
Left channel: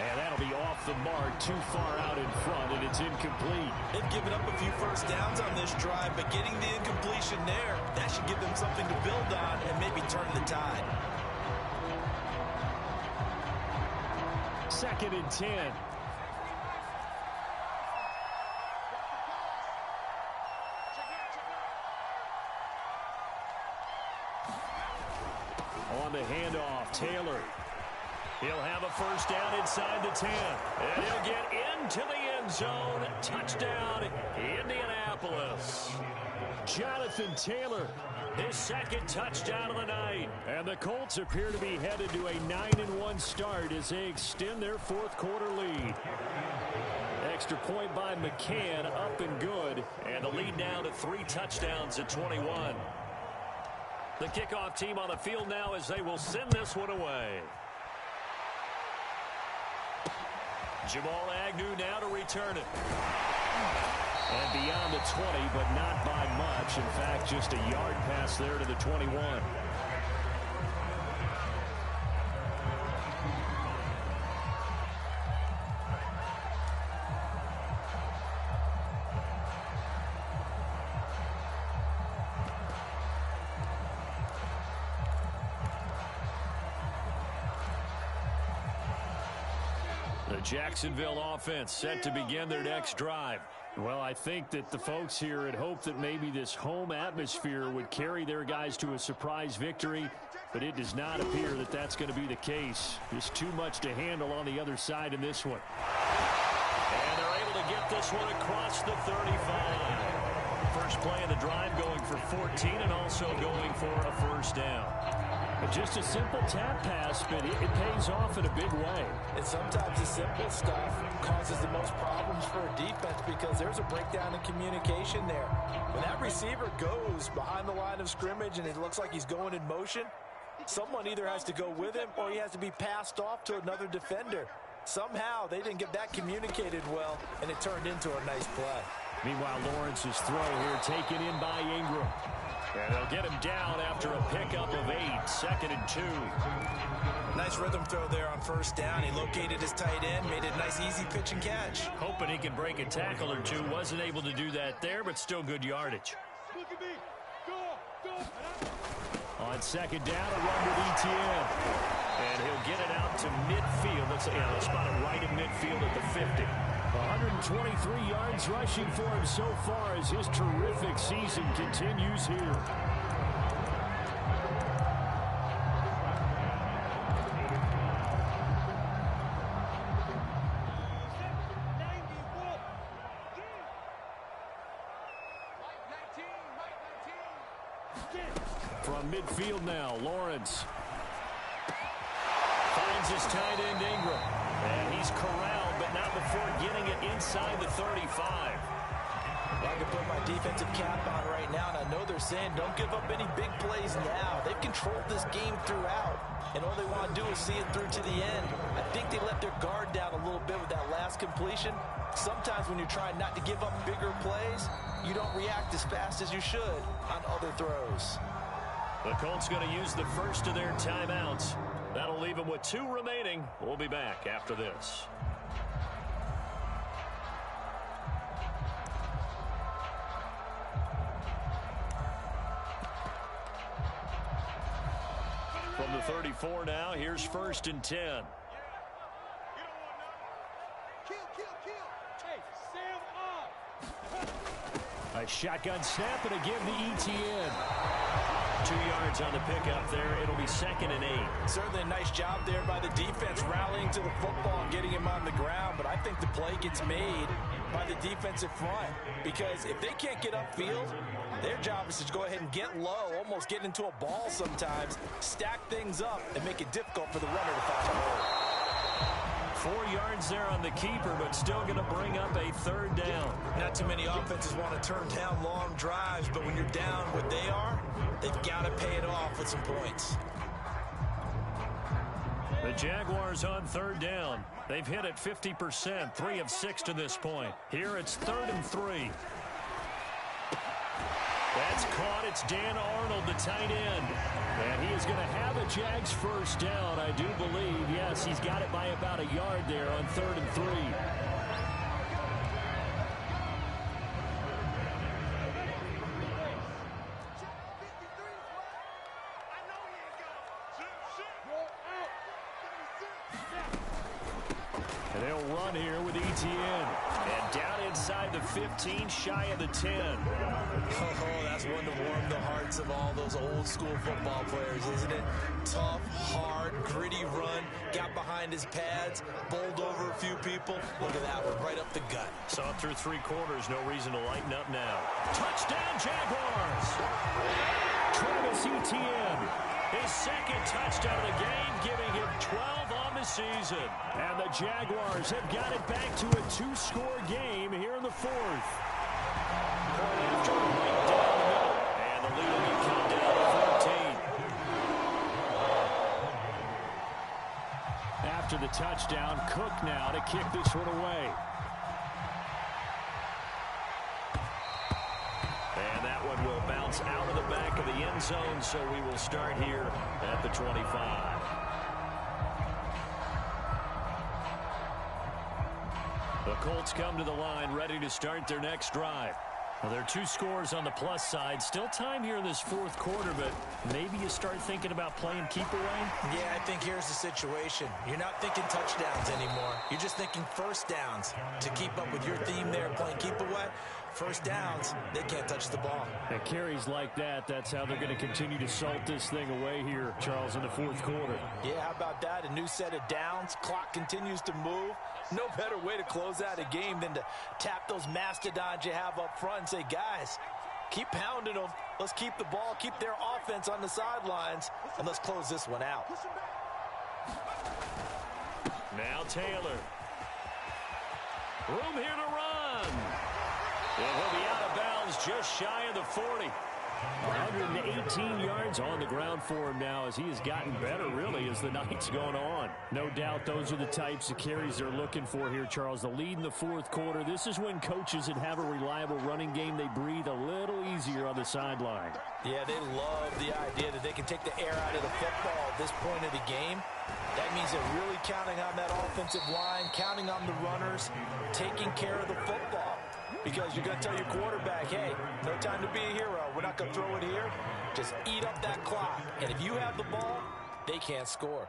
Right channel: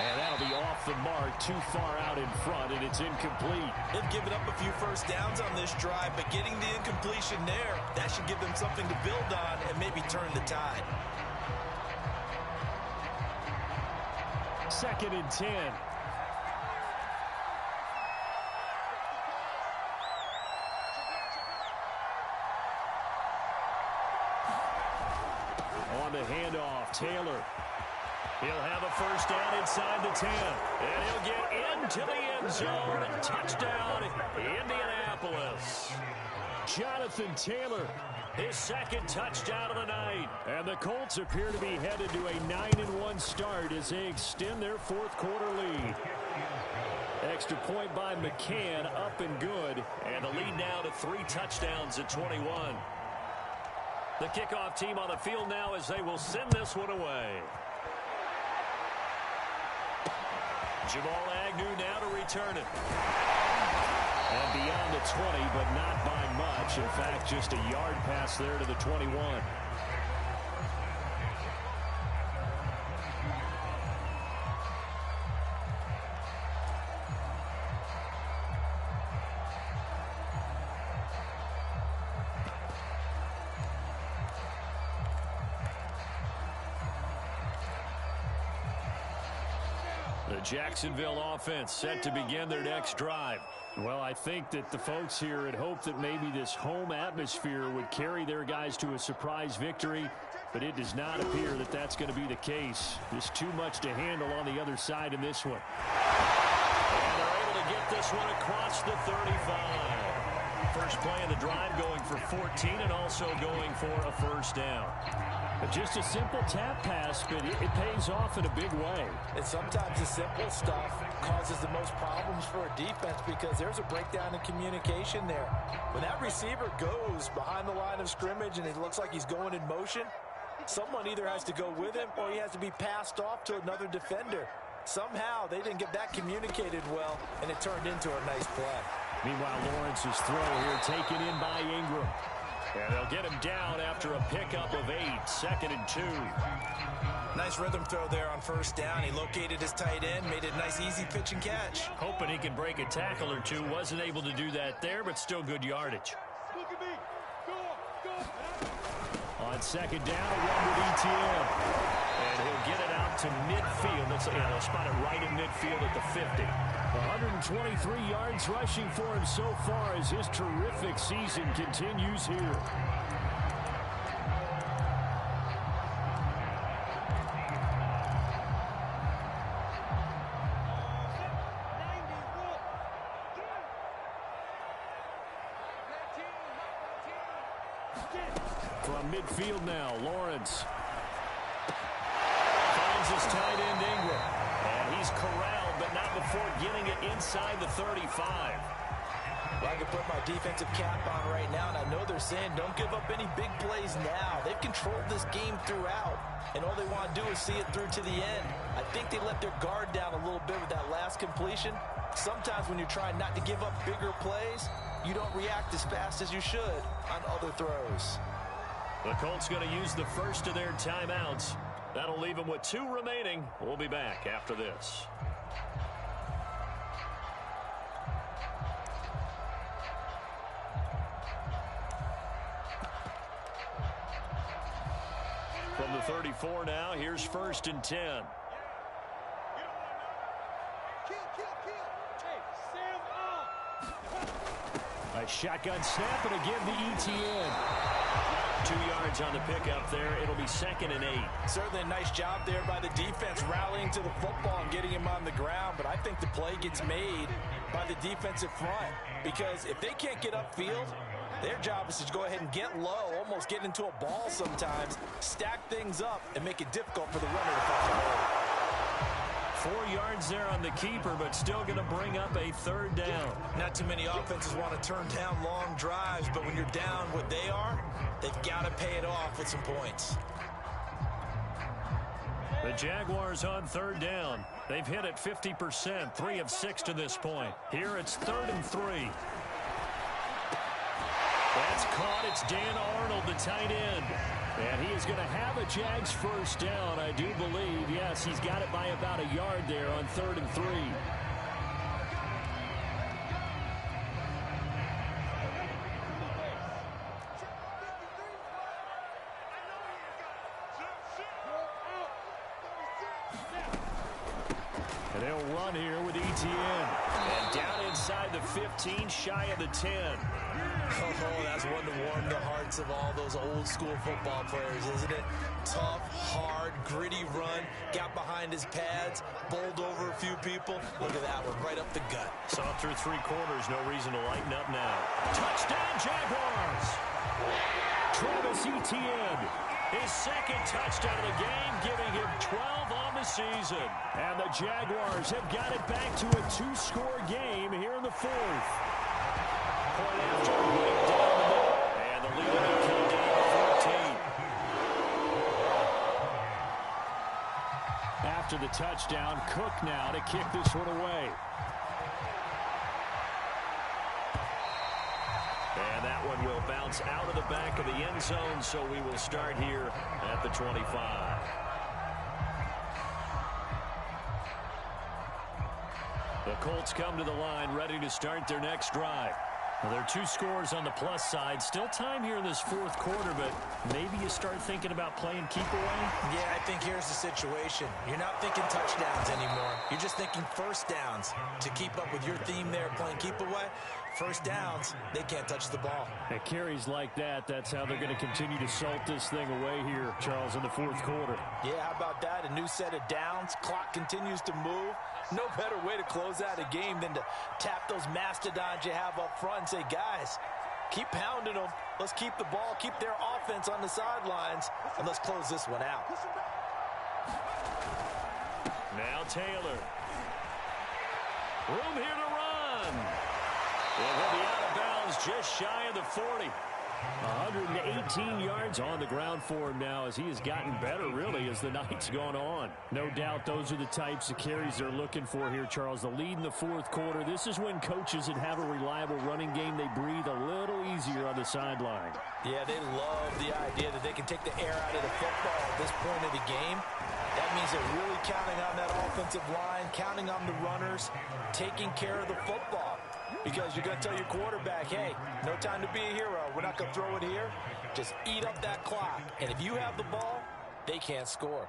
And that'll be off the mark, too far out in front, and it's incomplete. They've given up a few 1st downs on this drive, but getting the incompletion there, that should give them something to build on and maybe turn the tide. 2nd and 10. On the handoff, Taylor. He'll have a 1st down inside the 10. And he'll get into the end zone. Touchdown, Indianapolis. Jonathan Taylor, his second touchdown of the night. And the Colts appear to be headed to a 9-1 start as they extend their fourth quarter lead. Extra point by McCann, up and good. And the lead now to 3 touchdowns at 21. The kickoff team on the field now as they will send this one away. Jamal Agnew now to return it. And beyond the 20, but not by much. In fact, just a yard pass there to the 21. The Jacksonville offense set to begin their next drive. Well, I think that the folks here had hoped that maybe this home atmosphere would carry their guys to a surprise victory, but it does not appear that that's going to be the case. Just too much to handle on the other side in this one. And they're able to get this one across the 35. First play of the drive going for 14 and also going for a first down. Just a simple tap pass, but it pays off in a big way. And sometimes the simple stuff causes the most problems for a defense because there's a breakdown in communication there. When that receiver goes behind the line of scrimmage and it looks like he's going in motion, someone either has to go with him or he has to be passed off to another defender. Somehow they didn't get that communicated well, and it turned into a nice play. Meanwhile, Lawrence's throw here taken in by Ingram. And they'll get him down after a pickup of 8, 2nd and 2. Nice rhythm throw there on first down. He located his tight end, made it a nice easy pitch and catch. Hoping he can break a tackle or two. Wasn't able to do that there, but still good yardage. Look at me. Go. On second down, a run with ETN. And he'll get it out to midfield. They'll spot it right in midfield at the 50. 123 yards rushing for him so far as his terrific season continues here. From midfield now, Lawrence finds his tight end Ingram. And he's corralled, but not before getting it inside the 35. Well, I can put my defensive cap on right now, and I know they're saying don't give up any big plays now. They've controlled this game throughout, and all they want to do is see it through to the end. I think they let their guard down a little bit with that last completion. Sometimes when you're trying not to give up bigger plays, you don't react as fast as you should on other throws. The Colts going to use the first of their timeouts. That'll leave them with 2 remaining. We'll be back after this. From the 34 now, here's 1st and 10. Kill. Hey, Sam up. A shotgun snap and a give to ETN. 2 yards on the pickup there. It'll be 2nd and 8. Certainly a nice job there by the defense rallying to the football and getting him on the ground, but I think the play gets made by the defensive front because if they can't get upfield, their job is to go ahead and get low, almost get into a ball sometimes, stack things up, and make it difficult for the runner to find a hole. 4 yards there on the keeper, but still going to bring up a 3rd down. Not too many offenses want to turn down long drives, but when you're down what they are, they've got to pay it off with some points. The Jaguars on 3rd down. They've hit it 50%, 3 of 6 to this point. Here it's 3rd and 3. That's caught. It's Dan Arnold, the tight end. And he is going to have a Jags first down, I do believe. Yes, he's got it by about a yard there on 3rd and 3. And they'll run here with ETN. And down inside the 15, shy of the 10. Oh, that's one to warm the hearts of all those old school football players, isn't it? Tough, hard, gritty run. Got behind behind his pads, bowled over a few people. Look at that one, right up the gut. Saw through 3 quarters, no reason to lighten up now. Touchdown, Jaguars! Travis Etienne, his second touchdown of the game, giving him 12 on the season. And the Jaguars have got it back to a 2-score game here in the 4th. Point after, right down the middle. And the lead will be cut down to 14. After the touchdown, Cook now to kick this one away. And that one will bounce out of the back of the end zone, so we will start here at the 25. The Colts come to the line, ready to start their next drive. Well, there are 2 scores on the plus side. Still time here in this 4th quarter, but maybe you start thinking about playing keep away? Yeah, I think here's the situation. You're not thinking touchdowns anymore. You're just thinking first downs. To keep up with your theme there, playing keep away, first downs, they can't touch the ball. At carries like that, that's how they're going to continue to salt this thing away here, Charles, in the 4th quarter. Yeah, how about that? A new set of downs. Clock continues to move. No better way to close out a game than to tap those mastodons you have up front and say, guys, keep pounding them. Let's keep the ball, keep their offense on the sidelines, and let's close this one out. Now Taylor. Room here to run. And he'll be out of bounds just shy of the 40. 118 yards on the ground for him now as he has gotten better, really, as the night's gone on. No doubt those are the types of carries they're looking for here, Charles. The lead in the 4th quarter. This is when coaches that have a reliable running game, they breathe a little easier on the sideline. Yeah, they love the idea that they can take the air out of the football at this point of the game. That means they're really counting on that offensive line, counting on the runners, taking care of the football. Because you're going to tell your quarterback, hey, no time to be a hero. We're not going to throw it here. Just eat up that clock. And if you have the ball, they can't score.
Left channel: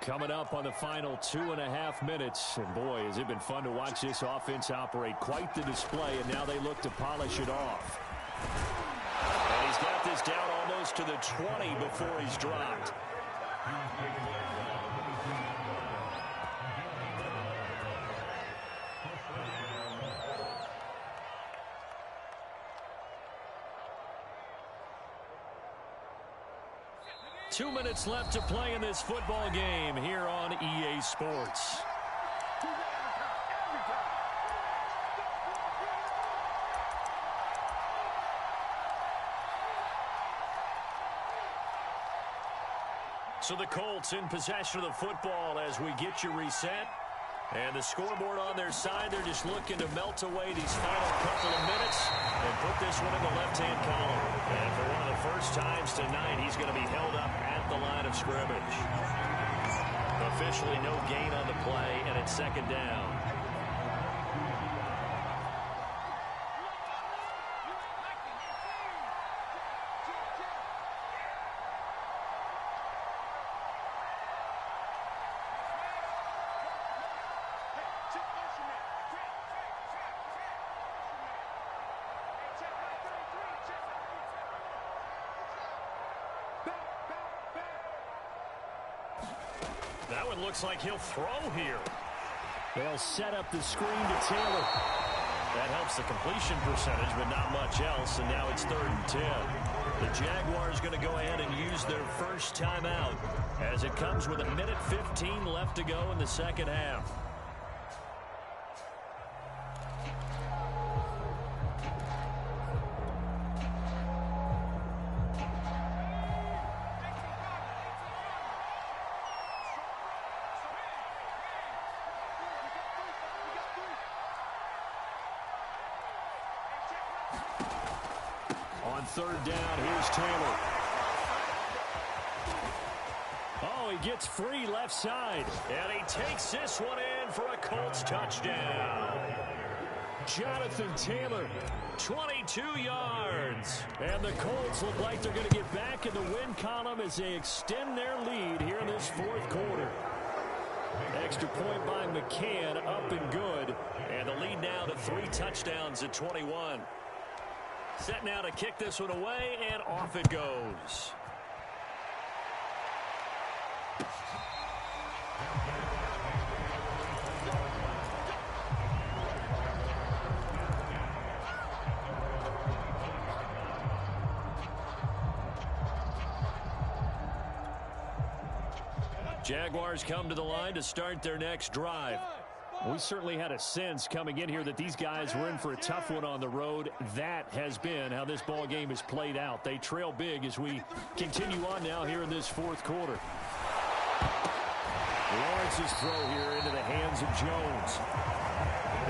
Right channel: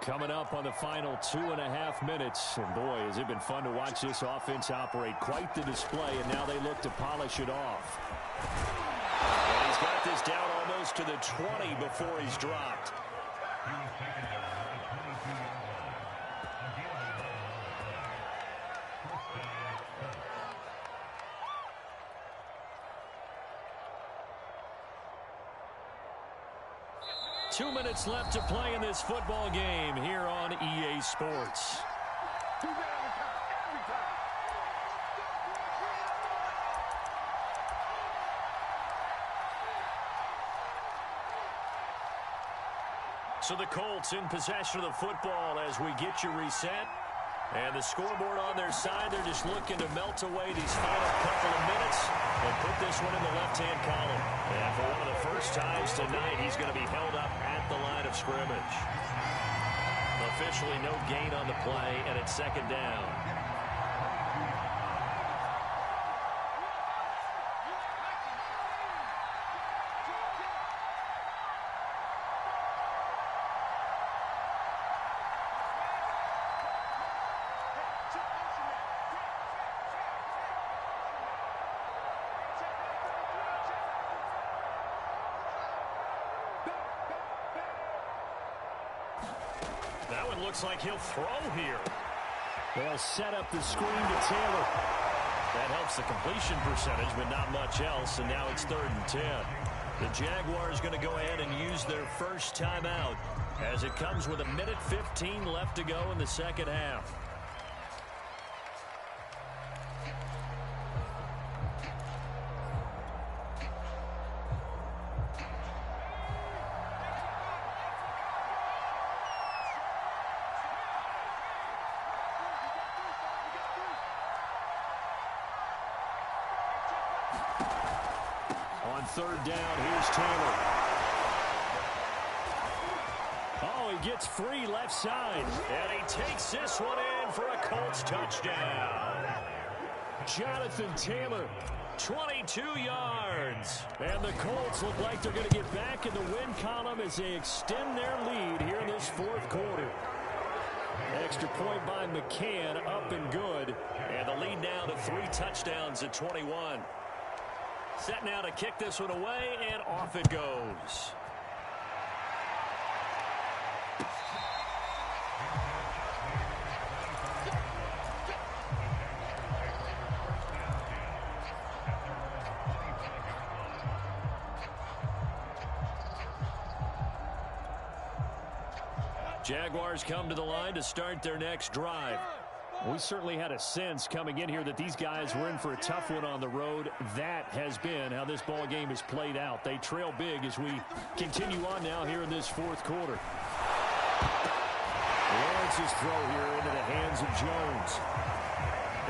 Coming up on the final 2.5 minutes. And boy, has it been fun to watch this offense operate. Quite the display, and now they look to polish it off. And he's got this down almost to the 20 before he's dropped. Two minutes left to play in this football game here on EA Sports. So the Colts in possession of the football as we get you reset. And the scoreboard on their side, they're just looking to melt away these final couple of minutes and put this one in the left-hand column. And for one of the first times tonight, he's going to be held up at the line of scrimmage. Officially no gain on the play, and it's 2nd down. That one looks like he'll throw here. They'll set up the screen to Taylor. That helps the completion percentage, but not much else, and now it's 3rd and 10. The Jaguars going to go ahead and use their first timeout as it comes with 1:15 left to go in the 2nd half. On 3rd down, here's Taylor. Oh, he gets free left side. And he takes this one in for a Colts touchdown. Jonathan Taylor, 22 yards. And the Colts look like they're going to get back in the win column as they extend their lead here in this 4th quarter. Extra point by McCann, up and good. And the lead now to 3 touchdowns at 21. Set now to kick this one away, and off it goes. Jaguars come to the line to start their next drive. We certainly had a sense coming in here that these guys were in for a tough one on the road. That has been how this ball game has played out. They trail big as we continue on now here in this fourth quarter. Lawrence's throw here into the hands of Jones.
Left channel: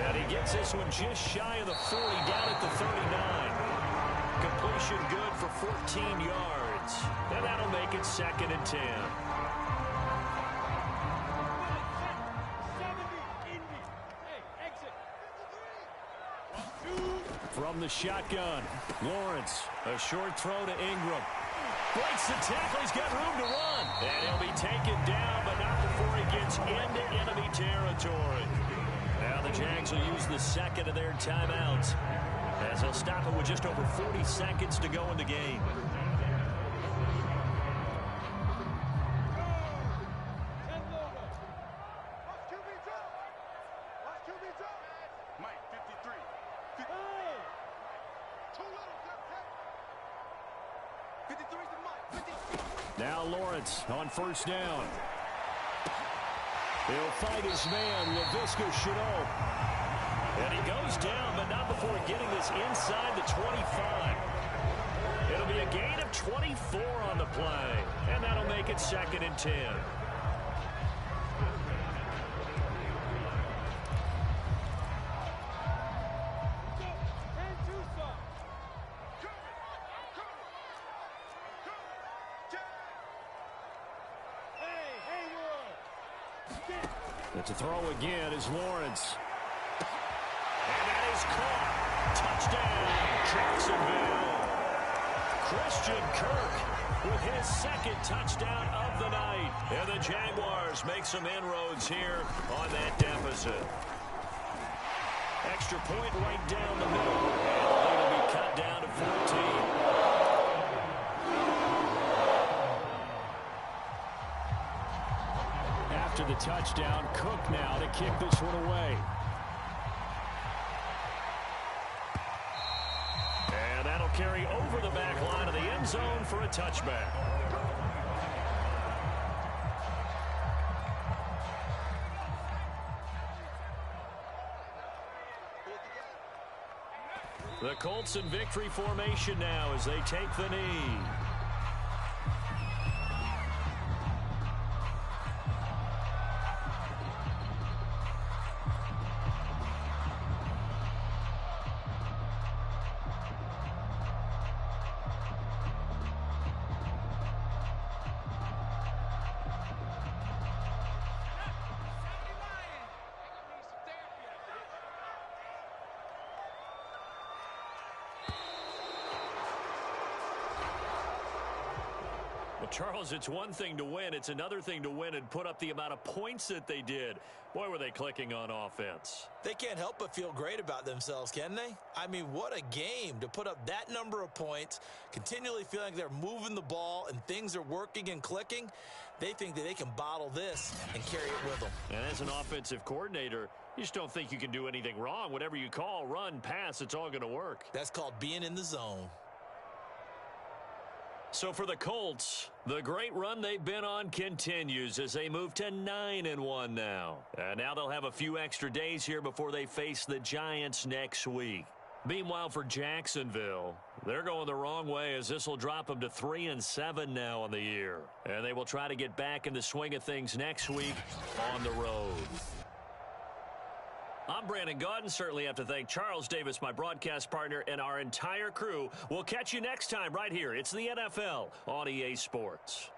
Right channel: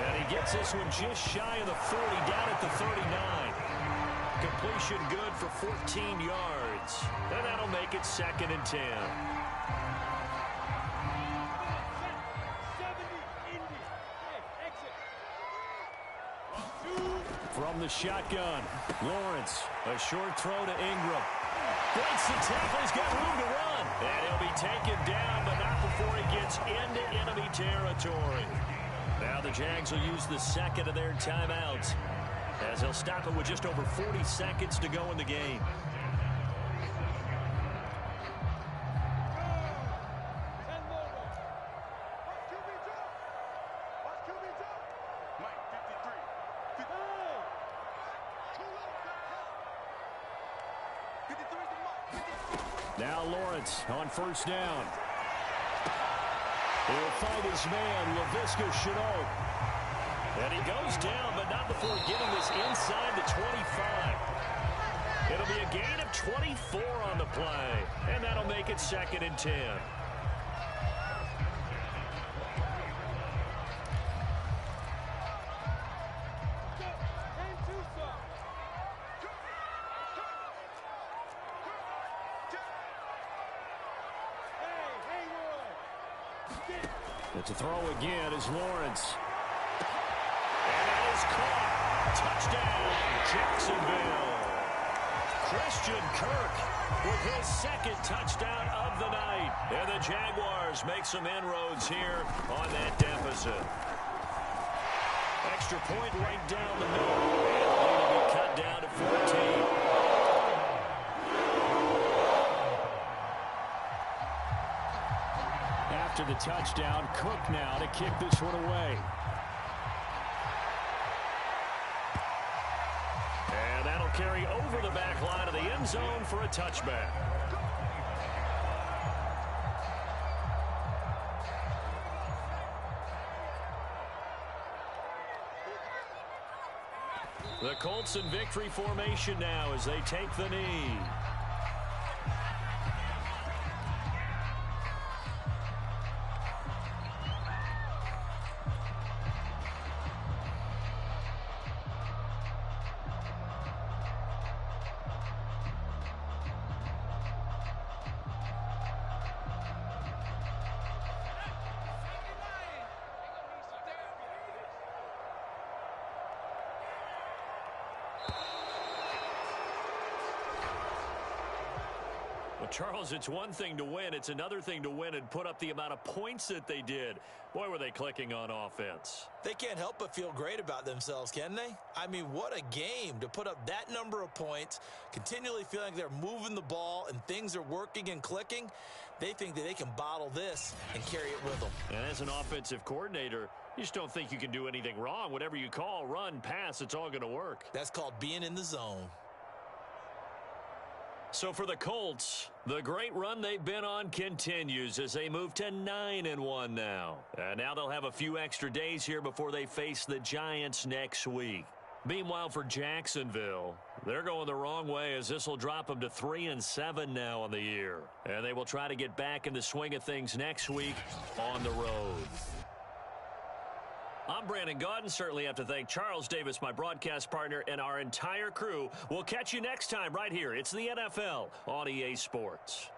And he gets this one just shy of the 40, down at the 39. Completion good for 14 yards. And that'll make it 2nd and 10. From the shotgun, Lawrence, a short throw to Ingram. Breaks the tackle, he's got room to run. And he'll be taken down, but not before he gets into enemy territory. Now the Jags will use the second of their timeouts, as they'll stop it with just over 40 seconds to go in the game. Now Lawrence on first down. He'll fight his man, Laviska Shenault. And he goes down, but not before getting this inside the 25. It'll be a gain of 24 on the play, and that'll make it 2nd and 10. It's a throw again is Lawrence. And that is caught. Touchdown, Jacksonville. Christian Kirk with his 2nd touchdown of the night. And the Jaguars make some inroads here on that deficit. Extra point right down the middle. And the lead will be cut down to 14. After the touchdown, Cook now to kick this one away. And that'll carry over the back line of the end zone for a touchback. The Colts in victory formation now as they take the knee. Well, Charles, it's one thing to win. It's another thing to win and put up the amount of points that they did. Boy, were they clicking on offense. They can't help but feel great about themselves, can they? I mean, what a game to put up that number of points, continually feeling like they're moving the ball and things are working and clicking. They think that they can bottle this and carry it with them. And as an offensive coordinator, you just don't think you can do anything wrong. Whatever you call, run, pass, it's all going to work. That's called being in the zone. So for the Colts, the great run they've been on continues as they move to 9-1 now. And now they'll have a few extra days here before they face the Giants next week. Meanwhile, for Jacksonville, they're going the wrong way as this will drop them to 3-7 now on the year. And they will try to get back in the swing of things next week on the road. I'm Brandon Gaudin. Certainly have to thank Charles Davis, my broadcast partner, and our entire crew. We'll catch you next time right here. It's the NFL on EA Sports.